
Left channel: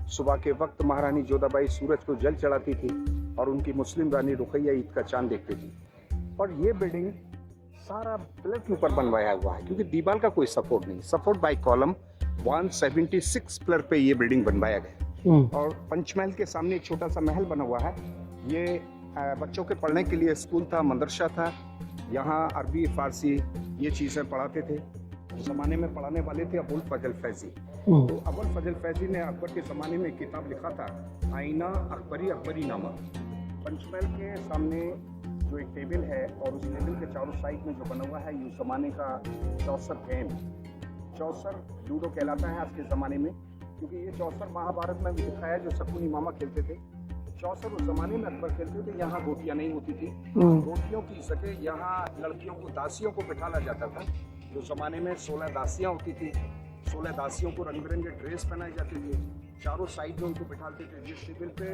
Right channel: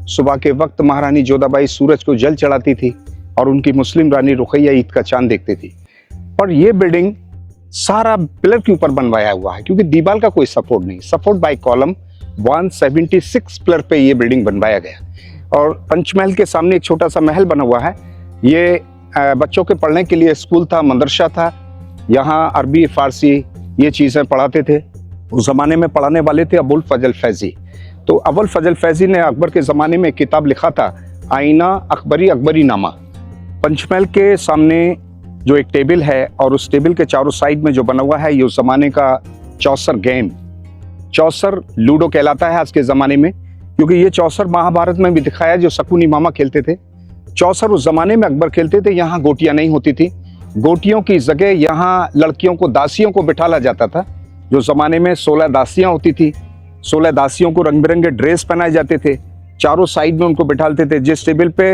सुबह के वक्त महारानी जोधाबाई सूरज को जल चढ़ाती थी और उनकी मुस्लिम रानी रुकैया ईद का चांद देखती थी। और ये बिल्डिंग सारा पिलर के ऊपर बनवाया हुआ है क्योंकि दीवार का कोई सपोर्ट नहीं, सपोर्ट बाय कॉलम 176 पिलर पे ये बिल्डिंग बनवाया गया। और पंचमहल के सामने एक छोटा सा महल बना हुआ है। ये बच्चों के पढ़ने के लिए स्कूल था, मदरसा था। यहाँ अरबी फारसी ये चीजें पढ़ाते थे। उस जमाने में पढ़ाने वाले थे अबुल फजल फैजी। तो अबुल फजल फैजी ने अकबर के ज़माने में एक किताब लिखा था, आईना अकबरी अकबरी नामा। पंचमहल के सामने जो एक टेबल है और उस टेबल के चारों साइड में जो बना हुआ है, ये उस ज़माने का चौसर गेम, चौसर लूडो कहलाता है आज के ज़माने में, क्योंकि ये चौसर महाभारत में भी दिखाया जो शकुनी मामा खेलते थे। चौसर उस ज़माने में अकबर खेलते थे। यहाँ गोटियाँ नहीं होती थी, गोटियों की जगह यहाँ लड़कियों को, दासियों को बिठाला जाता था। जो ज़माने में 16 दासियाँ होती थी, 16 दासियों को रंग बिरंगे ड्रेस पहनाए जाते थे। चारों साइड में उनको बिठाते थे। जिस टेबल पे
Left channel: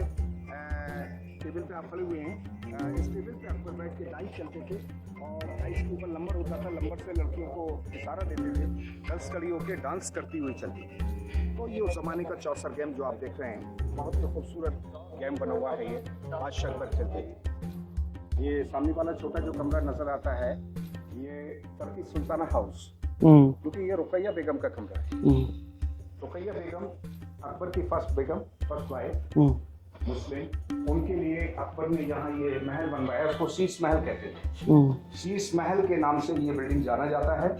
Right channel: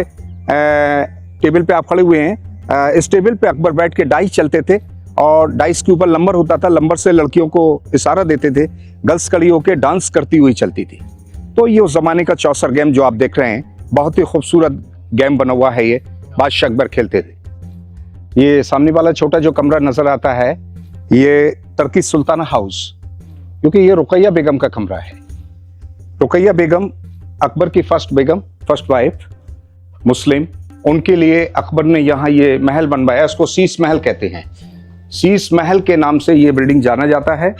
आप खड़े हुए हैं, इस टेबल पे अकबर बैठ के डाइस चलते थे और डाइस के ऊपर नंबर होता था। नंबर से लड़कियों को इशारा देते थे, गर्ल्स खड़ी होकर डांस करती हुई चलती थी। तो ये उस जमाने का चौसर गेम जो आप देख रहे हैं, बहुत ही खूबसूरत गेम बना हुआ है। ये बादशाह अकबर खेलते थे। ये सामने वाला छोटा जो कमरा नजर आता है, ये टर्की सुल्ताना हाउस, क्योंकि ये रुकैया बेगम का कमरा है। रुकैया बेगम अकबर की फर्स्ट वाइफ, मुस्लिम, उनके लिए अकबर ने यहाँ ये महल बनवाया। इसको शीश महल कहते हैं। शीश महल के नाम से ये बिल्डिंग जाना जाता है।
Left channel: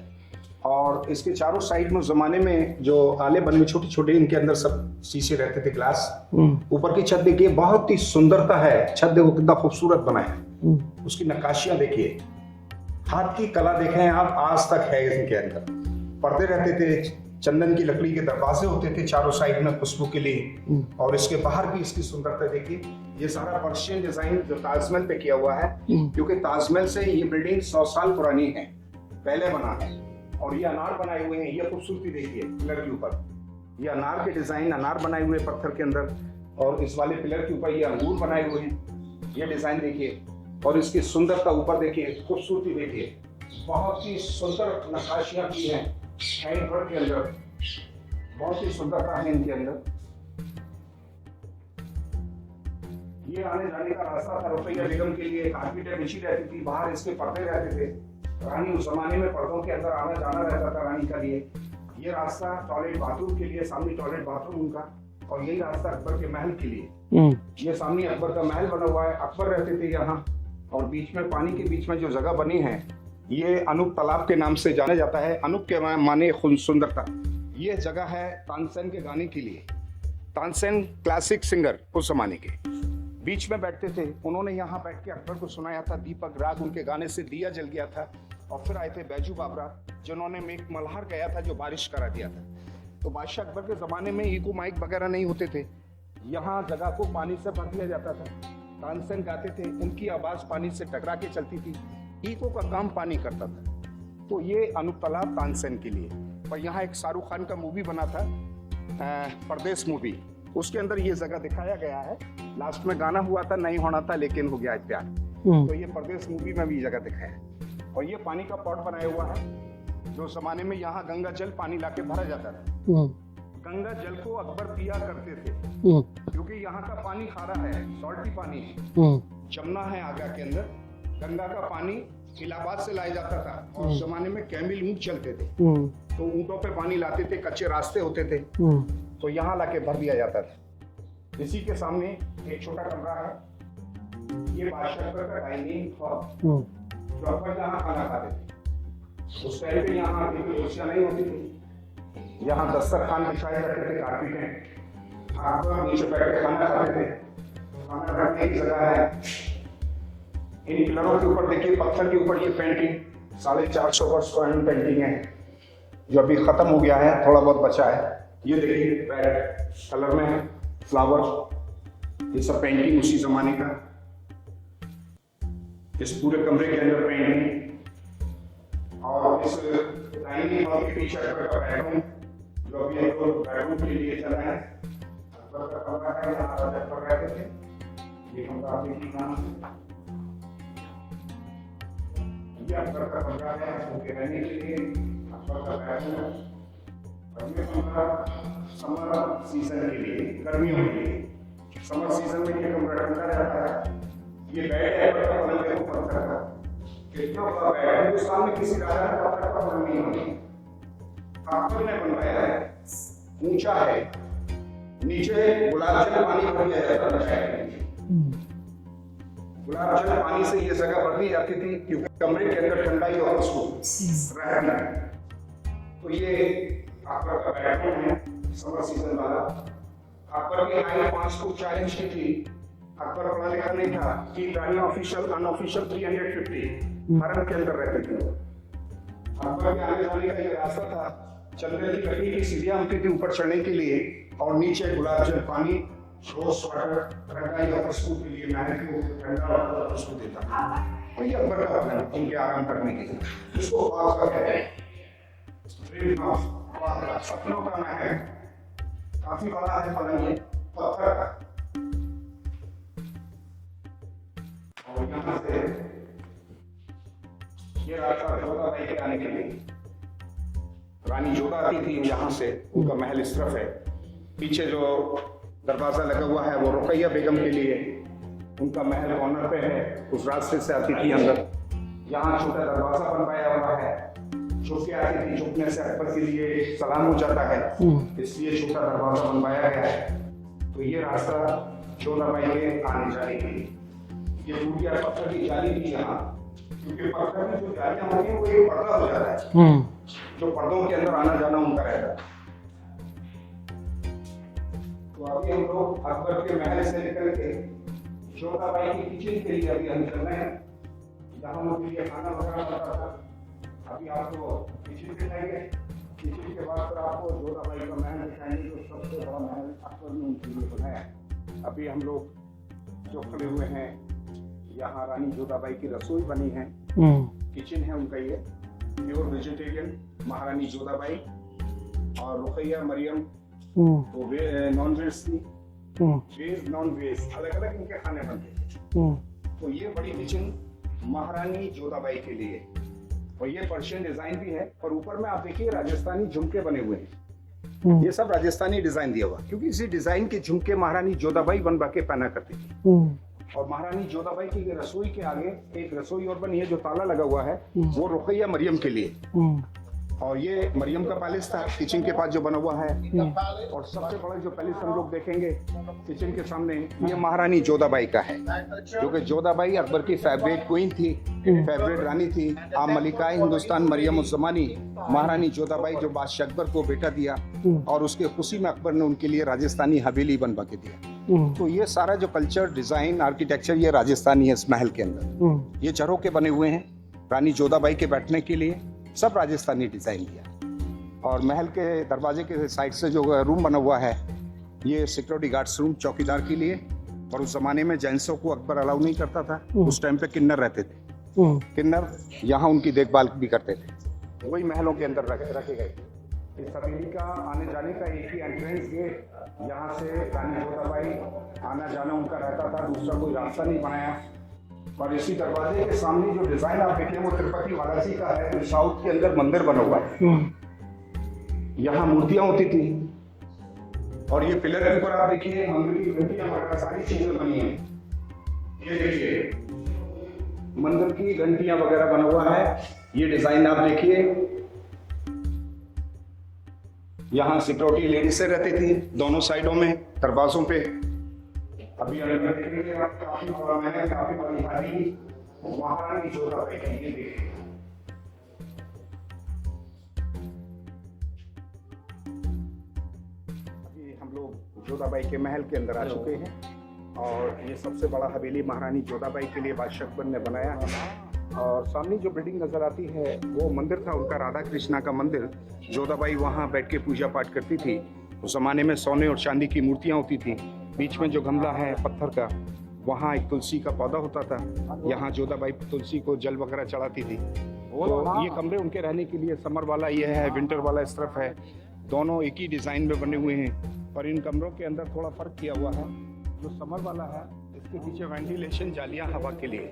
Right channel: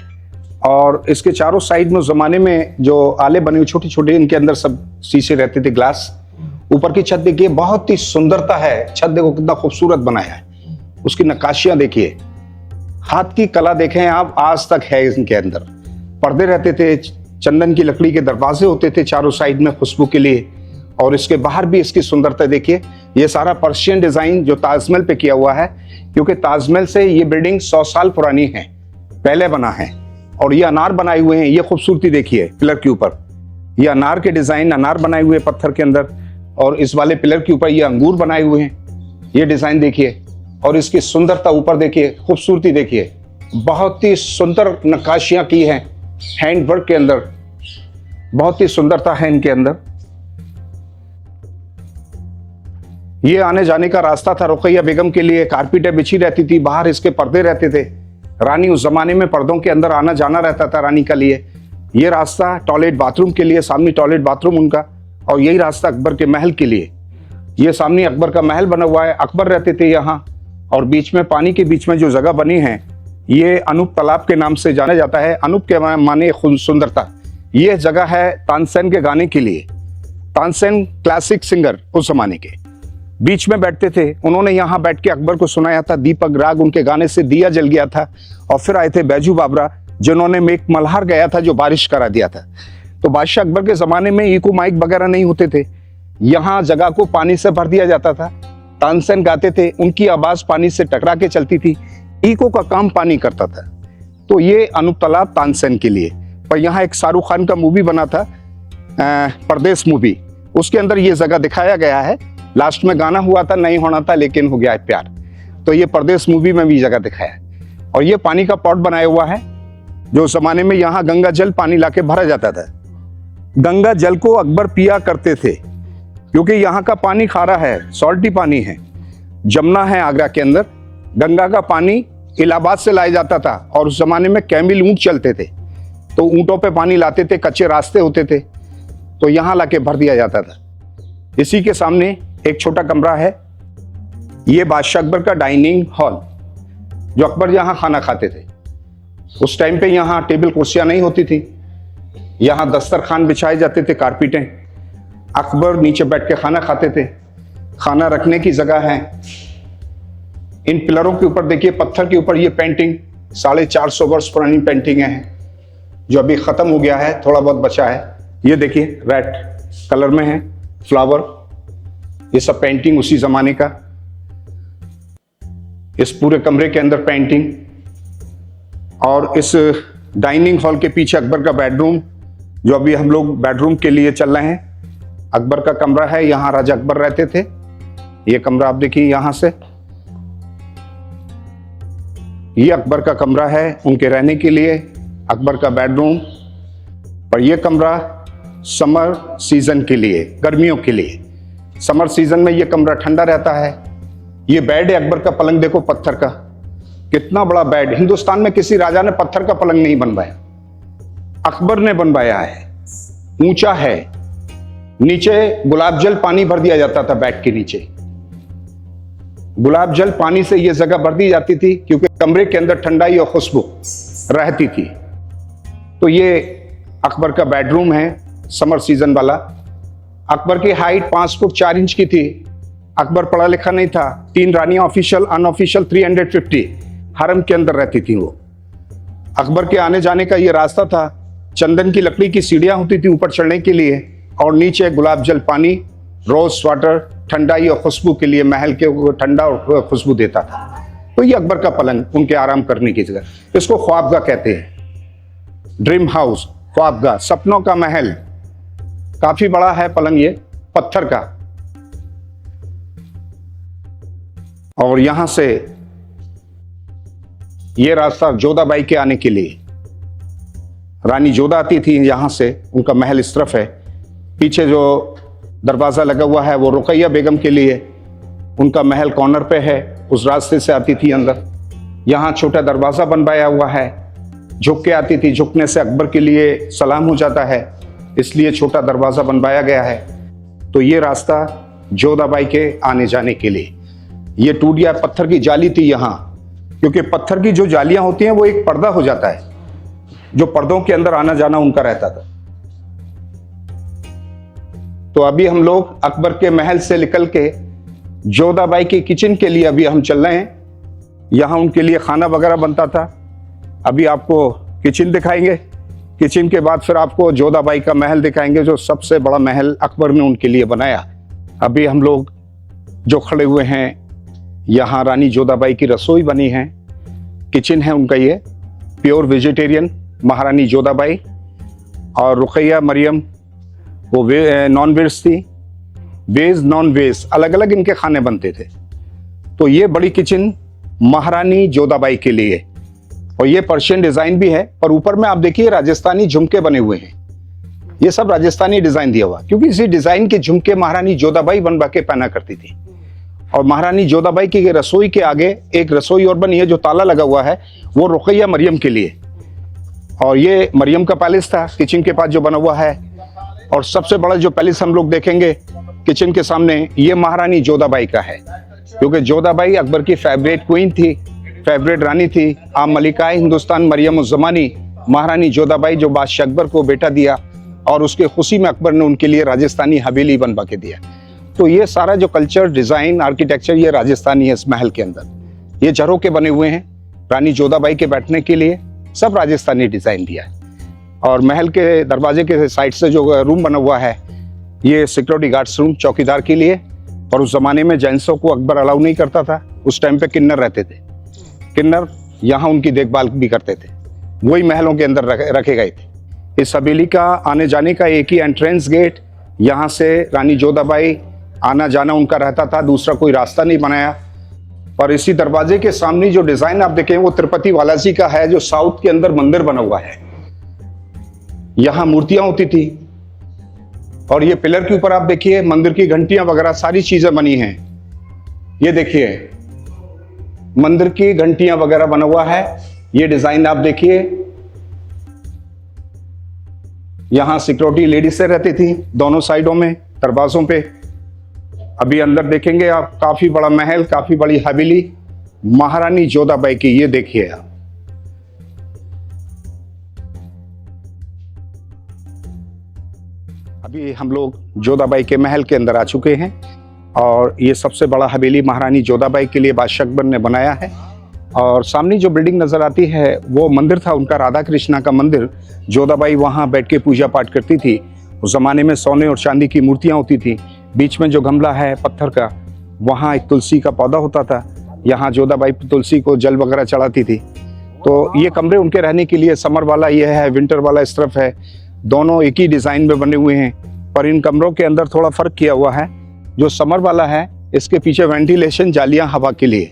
और इसके चारों साइड में जमाने में जो आले बने हुए छोटे छोटे, इनके अंदर सब शीशे रहते थे, ग्लास। ऊपर की छत देखिए, बहुत ही सुंदरता है। छत देखो कितना खूबसूरत बनाया है। उसकी नक्काशियां देखिए, हाथ की कला देखें आप, आज तक है इनके अंदर। पर्दे रहते थे, चंदन की लकड़ी के दरवाजे होते थे चारों साइड में खुशबू के लिए। और इसके बाहर भी इसकी सुंदरता देखिए। ये सारा पर्शियन डिजाइन जो ताजमहल पे किया हुआ है, क्योंकि ताजमहल से ये बिल्डिंग 100 साल पुरानी है, पहले बना है। और ये अनार बनाए हुए हैं। ये खूबसूरती देखिए पिलर के ऊपर, ये अनार के डिजाइन, अनार बनाए हुए पत्थर के अंदर। और इस वाले पिलर के ऊपर ये अंगूर बनाए हुए हैं। ये डिजाइन देखिए और इसकी सुंदरता ऊपर देखिए, खूबसूरती देखिए। बहुत ही सुंदर नक्काशियां की हैं हैंड वर्क के अंदर, बहुत ही सुंदरता है इनके अंदर। ये आने जाने का रास्ता था रुकैया बेगम के लिए। कारपेटें बिछी रहती थी, बाहर इसके पर्दे रहते थे। रानी उस जमाने में पर्दों के अंदर आना जाना रहता था रानी का लिए। ये रास्ता टॉयलेट बाथरूम के लिए, सामने टॉयलेट बाथरूम उनका। और यही रास्ता अकबर के महल के लिए। ये सामने अकबर का महल बना हुआ है, अकबर रहते थे यहाँ। और बीच में, पानी के बीच में जो जगह बनी है, ये अनूप तालाब के नाम से जाना जाता है। अनूप के माने सुंदरता। ये जगह है तानसेन के गाने के लिए। तानसेन क्लासिक सिंगर उस जमाने के, बीच में बैठते थे। उन्होंने यहाँ बैठ के अकबर को सुनाया था। दीपक राग उनके गाने से दिया जल गया था। और फिर आए थे बैजू बाबरा, जिन्होंने मेक मल्हार गया था जो बारिश करा दिया था। तो बादशाह अकबर के जमाने में इको माइक वगैरह नहीं होते थे। यहाँ जगह को पानी से भर दिया जाता था। तानसेन गाते थे, उनकी आवाज पानी से टकरा के चलती थी। इको का काम पानी करता था। तो ये अनूप तालाब तानसेन के लिए। पर यहाँ एक शाहरुख खान का मूवी बना था, परदेश मूवी, उसके अंदर ये जगह दिखाया गया है। लास्ट में गाना हुआ था, नहीं होना था लेकिन हो गया है प्यार। तो ये परदेश मूवी में भी जगह दिखाया है। और ये पानी का पॉट बनाया हुआ है, जो जमाने में यहाँ गंगा जल पानी लाके भरा जाता था। गंगा जल को अकबर पिया करते थे, क्योंकि यहाँ का पानी खारा है, सॉल्टी पानी है। जमुना है आगरा के अंदर, गंगा का पानी इलाहाबाद से लाया जाता था। और उस जमाने में कैमिल ऊंट चलते थे, तो ऊंटों पे पानी लाते थे, कच्चे रास्ते होते थे, तो यहाँ लाके भर दिया जाता था। इसी के सामने एक छोटा कमरा है, ये बादशाह अकबर का डाइनिंग हॉल, जो अकबर यहाँ खाना खाते थे। उस टाइम पे यहाँ टेबल कुर्सियां नहीं होती थी, यहाँ दस्तरखान बिछाए जाते थे, कारपेटें। अकबर नीचे बैठ के खाना खाते थे। खाना रखने की जगह है। इन पिलरों के ऊपर देखिए, पत्थर के ऊपर ये पेंटिंग 450 वर्ष पुरानी पेंटिंग है, जो अभी खत्म हो गया है, थोड़ा बहुत बचा है। ये देखिए रेड कलर में है फ्लावर, ये सब पेंटिंग उसी जमाने का। इस पूरे कमरे के अंदर पेंटिंग, और इस डाइनिंग हॉल के पीछे अकबर का बेडरूम, जो अभी हम लोग बेडरूम के लिए चल रहे हैं। अकबर का कमरा है, यहां राजा अकबर रहते थे। ये कमरा आप देखिए यहां से, ये अकबर का कमरा है उनके रहने के लिए, अकबर का बेडरूम। और ये कमरा समर सीजन के लिए, गर्मियों के लिए। समर सीजन में ये कमरा ठंडा रहता है। ये बेड है अकबर का, पलंग देखो पत्थर का, कितना बड़ा बेड। हिंदुस्तान में किसी राजा ने पत्थर का पलंग नहीं बनवाया, अकबर ने बनवाया है। ऊंचा है, नीचे गुलाब जल पानी भर दिया जाता था बेड के नीचे। गुलाब जल पानी से यह जगह भर दी जाती थी क्योंकि कमरे के अंदर ठंडाई और खुशबू रहती थी। तो ये अकबर का बेडरूम है समर सीजन वाला। अकबर की हाइट 5 फुट 4 इंच की थी। अकबर पढ़ा लिखा नहीं था। 3 रानियां ऑफिशियल, अनऑफिशियल 350 हरम के अंदर रहती थी वो। अकबर के आने जाने का ये रास्ता था। चंदन की लकड़ी की सीढ़ियां होती थी ऊपर चढ़ने के लिए, और नीचे गुलाब जल पानी, रोज वाटर, ठंडाई और खुशबू के लिए महल के ठंडा और खुशबू देता था। तो ये अकबर का पलंग उनके आराम करने की जगह। इसको ख्वाबगाह कहते हैं, ड्रीम हाउस, ख्वाबगाह, सपनों का महल। काफी बड़ा है पलंग, ये पत्थर का। और यहां से ये रास्ता जोधाबाई के आने के लिए, रानी जोधा आती थी यहां से, उनका महल इस तरफ है। पीछे जो दरवाजा लगा हुआ है वो रुकैया बेगम के लिए, उनका महल कॉर्नर पे है, उस रास्ते से आती थी अंदर। यहाँ छोटा दरवाजा बनवाया हुआ है, झुक के आती थी, झुकने से अकबर के लिए सलाम हो जाता है, इसलिए छोटा दरवाजा बनवाया गया है। तो ये रास्ता जोधाबाई के आने जाने के लिए। ये टूट गया, पत्थर की जाली थी यहाँ, क्योंकि पत्थर की जो जालियां होती हैं वो एक पर्दा हो जाता है, जो पर्दों के अंदर आना जाना उनका रहता था। तो अभी हम लोग अकबर के महल से निकल के जोधाबाई की किचन के लिए अभी हम चल रहे हैं। यहाँ उनके लिए खाना वगैरह बनता था। अभी आपको किचन दिखाएंगे, किचन के बाद फिर आपको जोधाबाई का महल दिखाएंगे, जो सबसे बड़ा महल अकबर ने उनके लिए बनाया। अभी हम लोग जो खड़े हुए हैं, यहाँ रानी जोधाबाई की रसोई बनी है, किचन है उनका, ये प्योर वेजिटेरियन महारानी जोधाबाई। और रुकैया मरियम वो नॉन वेज थी, वेज नॉन वेज अलग अलग इनके खाने बनते थे। तो ये बड़ी किचन महारानी जोधाबाई के लिए, और ये पर्शियन डिजाइन भी है। और ऊपर में आप देखिए राजस्थानी झुमके बने हुए हैं, ये सब राजस्थानी डिजाइन दिया हुआ, क्योंकि इसी डिजाइन के झुमके महारानी जोधाबाई बनवा के पहना करती थी। और महारानी जोधाबाई की रसोई के आगे एक रसोई और बनी है, जो ताला लगा हुआ है, वो रुकैया मरियम के लिए। और ये मरियम का पैलेस था किचन के पास जो बना हुआ है। और सबसे बड़ा जो पैलेस हम लोग देखेंगे किचन के सामने, ये महारानी जोधाबाई का है, क्योंकि जोधाबाई अकबर की फेवरेट क्वीन थी, फेवरेट रानी थी। आम मलिकाए हिंदुस्तान मरियम उस जमानी महारानी जोधाबाई, जो बादशाह अकबर को बेटा दिया, और उसके खुशी में अकबर ने उनके लिए राजस्थानी हवेली बनवा के दिया। तो ये सारा जो कल्चर, डिजाइन, आर्किटेक्चर, ये राजस्थानी है इस महल के अंदर। ये झरोके बने हुए हैं रानी जोधाबाई के बैठने के लिए, सब राजस्थानी डिजाइन दिया है। और महल के दरवाजे के साइड से जो रूम बना हुआ है, ये सिक्योरिटी गार्ड्स रूम, चौकीदार के लिए। और उस जमाने में जेंट्सों को अकबर अलाउ नहीं करता था, उस टाइम पे किन्नर रहते थे, किन्नर यहाँ उनकी देखभाल भी करते थे, वही महलों के अंदर रखे गए थे। इस हवेली का आने जाने का एक ही एंट्रेंस गेट, यहाँ से रानी जोधाबाई आना जाना उनका रहता था, दूसरा कोई रास्ता नहीं बनाया। और इसी दरवाजे के सामने जो डिजाइन आप देखें, वो तिरुपति बालाजी का है, जो साउथ के अंदर मंदिर बना हुआ है। यहाँ मूर्तियां होती थी, और ये पिलर के ऊपर आप देखिए मंदिर की घंटियां वगैरह सारी चीजें बनी हैं। ये देखिए मंदिर की घंटियां वगैरह बना हुआ है, ये डिजाइन आप देखिए। यहाँ सिक्योरिटी लेडीज से रहती थी दोनों साइडों में दरवाजों पे। अभी अंदर देखेंगे आप, काफी बड़ा महल, काफी बड़ी हवेली महारानी जोधाबाई की, ये देखिए आप। अभी हम लोग जोधाबाई के महल के अंदर आ चुके हैं, और ये सबसे बड़ा हवेली महारानी जोधाबाई के लिए बादशाह अकबर ने बनाया है। और सामने जो बिल्डिंग नजर आती है वो मंदिर था उनका, राधा कृष्णा का मंदिर। जोधाबाई वहां बैठ के पूजा पाठ करती थी। उस जमाने में सोने और चांदी की मूर्तियां होती थी। बीच में जो गमला है पत्थर का, वहाँ एक तुलसी का पौधा होता था। यहाँ जोधाबाई तुलसी को जल वगैरह चढ़ाती थी। तो ये कमरे उनके रहने के लिए, समर वाला ये है, विंटर वाला इस तरफ है, दोनों एक ही डिजाइन में बने हुए हैं। पर इन कमरों के अंदर थोड़ा फर्क किया हुआ है। जो समर वाला है इसके पीछे वेंटिलेशन जालियां हवा के लिए,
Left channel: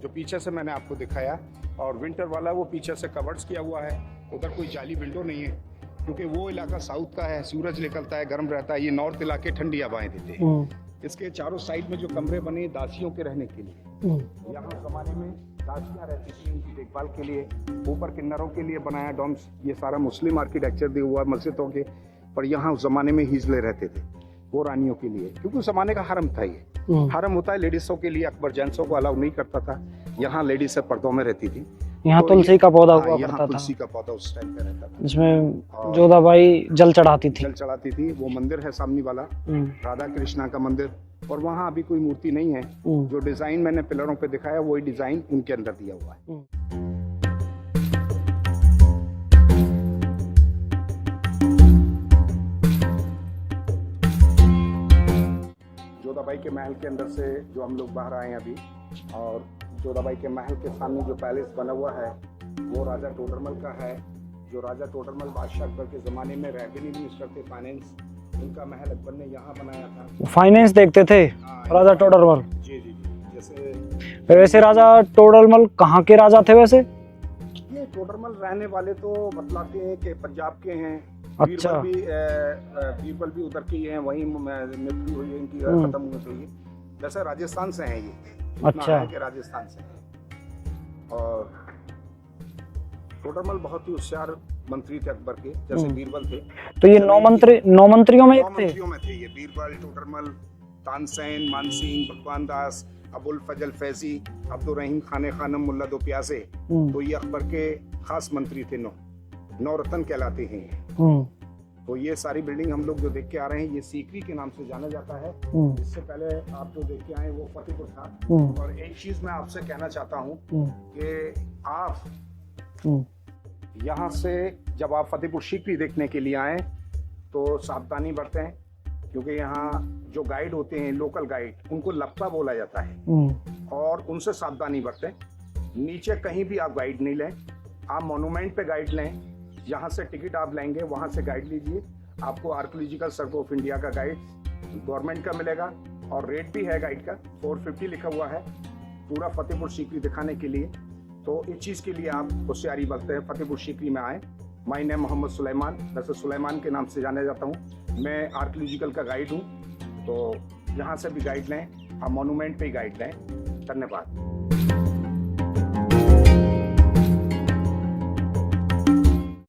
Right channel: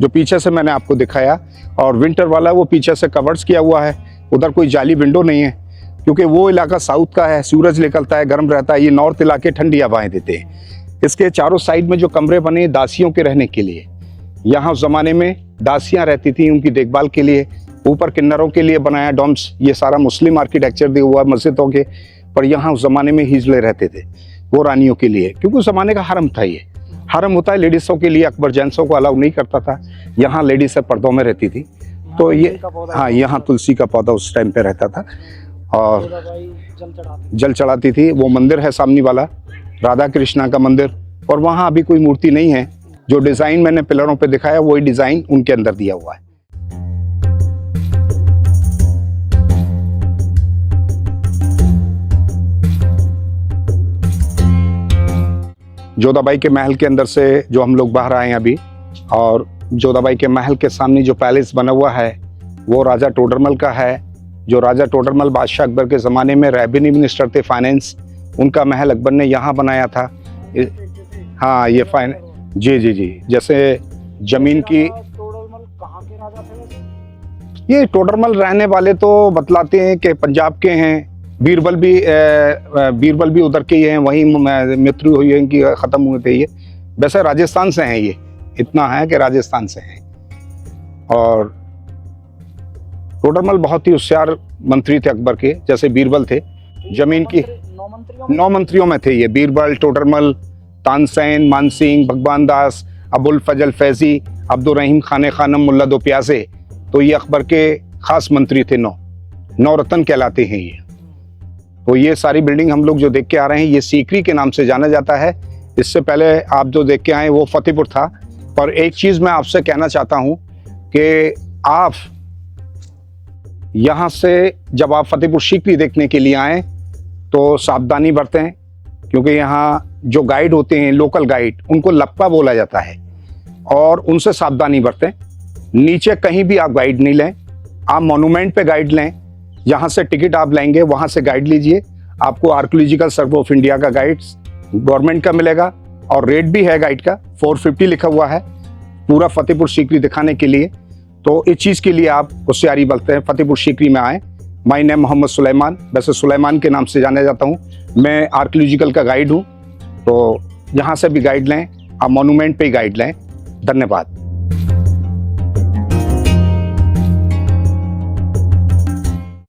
जो पीछे से मैंने आपको दिखाया, और विंटर वाला वो पीछे से कवर्ड्स किया हुआ है। उधर कोई जाली विंडो नहीं है, क्योंकि वो इलाका साउथ का है, सूरज निकलता है, गर्म रहता है। ये नॉर्थ इलाके ठंडी हवाएं देते हैं। इसके चारों साइड में जो कमरे बने दासियों के रहने के लिए, यहाँ उस जमाने में दासियां रहती थी उनकी देखभाल के लिए। ऊपर किन्नरों के लिए बनाया डॉम्स, ये सारा मुस्लिम आर्किटेक्चर दिया हुआ मस्जिदों के। पर यहाँ उस जमाने में हिजले रहते थे, वो रानियों के लिए, क्योंकि उस जमाने का हरम था। ये हरम होता है लेडीजों के लिए, अकबर जेंट्सों को अलाउ नहीं करता था। यहाँ लेडीज सब पर्दों में रहती थी। तो तुलसी का पौधा, हाँ, यहाँ तुलसी का पौधा उस टाइम पे रहता था, और जोधाबाई जल चढ़ाती थी। वो मंदिर है सामने वाला, राधा कृष्णा का मंदिर, और वहाँ अभी कोई मूर्ति नहीं है। जो डिजाइन मैंने पिलरों पे दिखाया वही डिजाइन उनके अंदर दिया हुआ है। जोधाबाई के महल के अंदर से जो हम लोग बाहर आए हैं अभी, और जोधाबाई के महल के सामने जो पैलेस बना हुआ है वो राजा टोडरमल का है। जो राजा टोडरमल बादशाह अकबर के जमाने में रेवेन्यू मिनिस्टर थे, फाइनेंस, उनका महल अकबर ने यहाँ बनाया था। फाइनेंस देखते थे। हाँ, ये टोडरमल, जी जी जी। जैसे जमीन राजा टोडरमल कहाँ के राजा थे वैसे? ये टोडरमल रहने वाले तो बतलाते हैं कि पंजाब के हैं। बीरबल भी उधर के ही हैं, वहीं मृत्यु हुई है इनकी, खत्म हुए थे ये। वैसे राजस्थान से हैं ये, इतना है कि राजस्थान से हैं। और टोडरमल बहुत ही होशियार मंत्री थे अकबर के, जैसे बीरबल थे। तो ये नौ मंत्रियों में थे ये, बीरबल, टोडरमल, तानसेन, मानसिंह, भगवान दास, अबुल फजल फैजी, अब्दुल रहीम खाने खानम, मुल्ला दो प्यासे। तो ये अकबर के खास मंत्री थे। नौ रत्न कहलाते हैं ये। तो ये सारी बिल्डिंग हम लोग जो देख के आ रहे हैं ये सीकरी के नाम से जाना जाता है। इससे पहले आप जो देख के आए वो फतेहपुर था। पर एक चीज मैं आपसे कहना चाहता हूँ कि आप यहाँ से जब आप फतेहपुर सीकरी देखने के लिए आए तो सावधानी बरतें, क्योंकि यहाँ जो गाइड होते हैं, लोकल गाइड, उनको लप्पा बोला जाता है, और उनसे सावधानी बरतें। नीचे कहीं भी आप गाइड नहीं लें, आप मॉन्यूमेंट पे गाइड लें। यहाँ से टिकट आप लेंगे, वहां से गाइड लीजिए। आपको आर्कियोलॉजिकल सर्वे ऑफ इंडिया का गाइड गवर्नमेंट का मिलेगा, और रेट भी है गाइड का, 450 लिखा हुआ है पूरा फतेहपुर सीकरी दिखाने के लिए। तो इस चीज के लिए आप होशियारी बरतते हैं, फतेहपुर सीकरी में आए। माय नेम मोहम्मद सुलेमान, वैसे सुलेमान के नाम से जाना जाता हूँ। मैं आर्कियोलॉजिकल का गाइड हूँ। तो यहाँ से भी गाइड लें, आप मॉन्यूमेंट पे ही गाइड लें। धन्यवाद।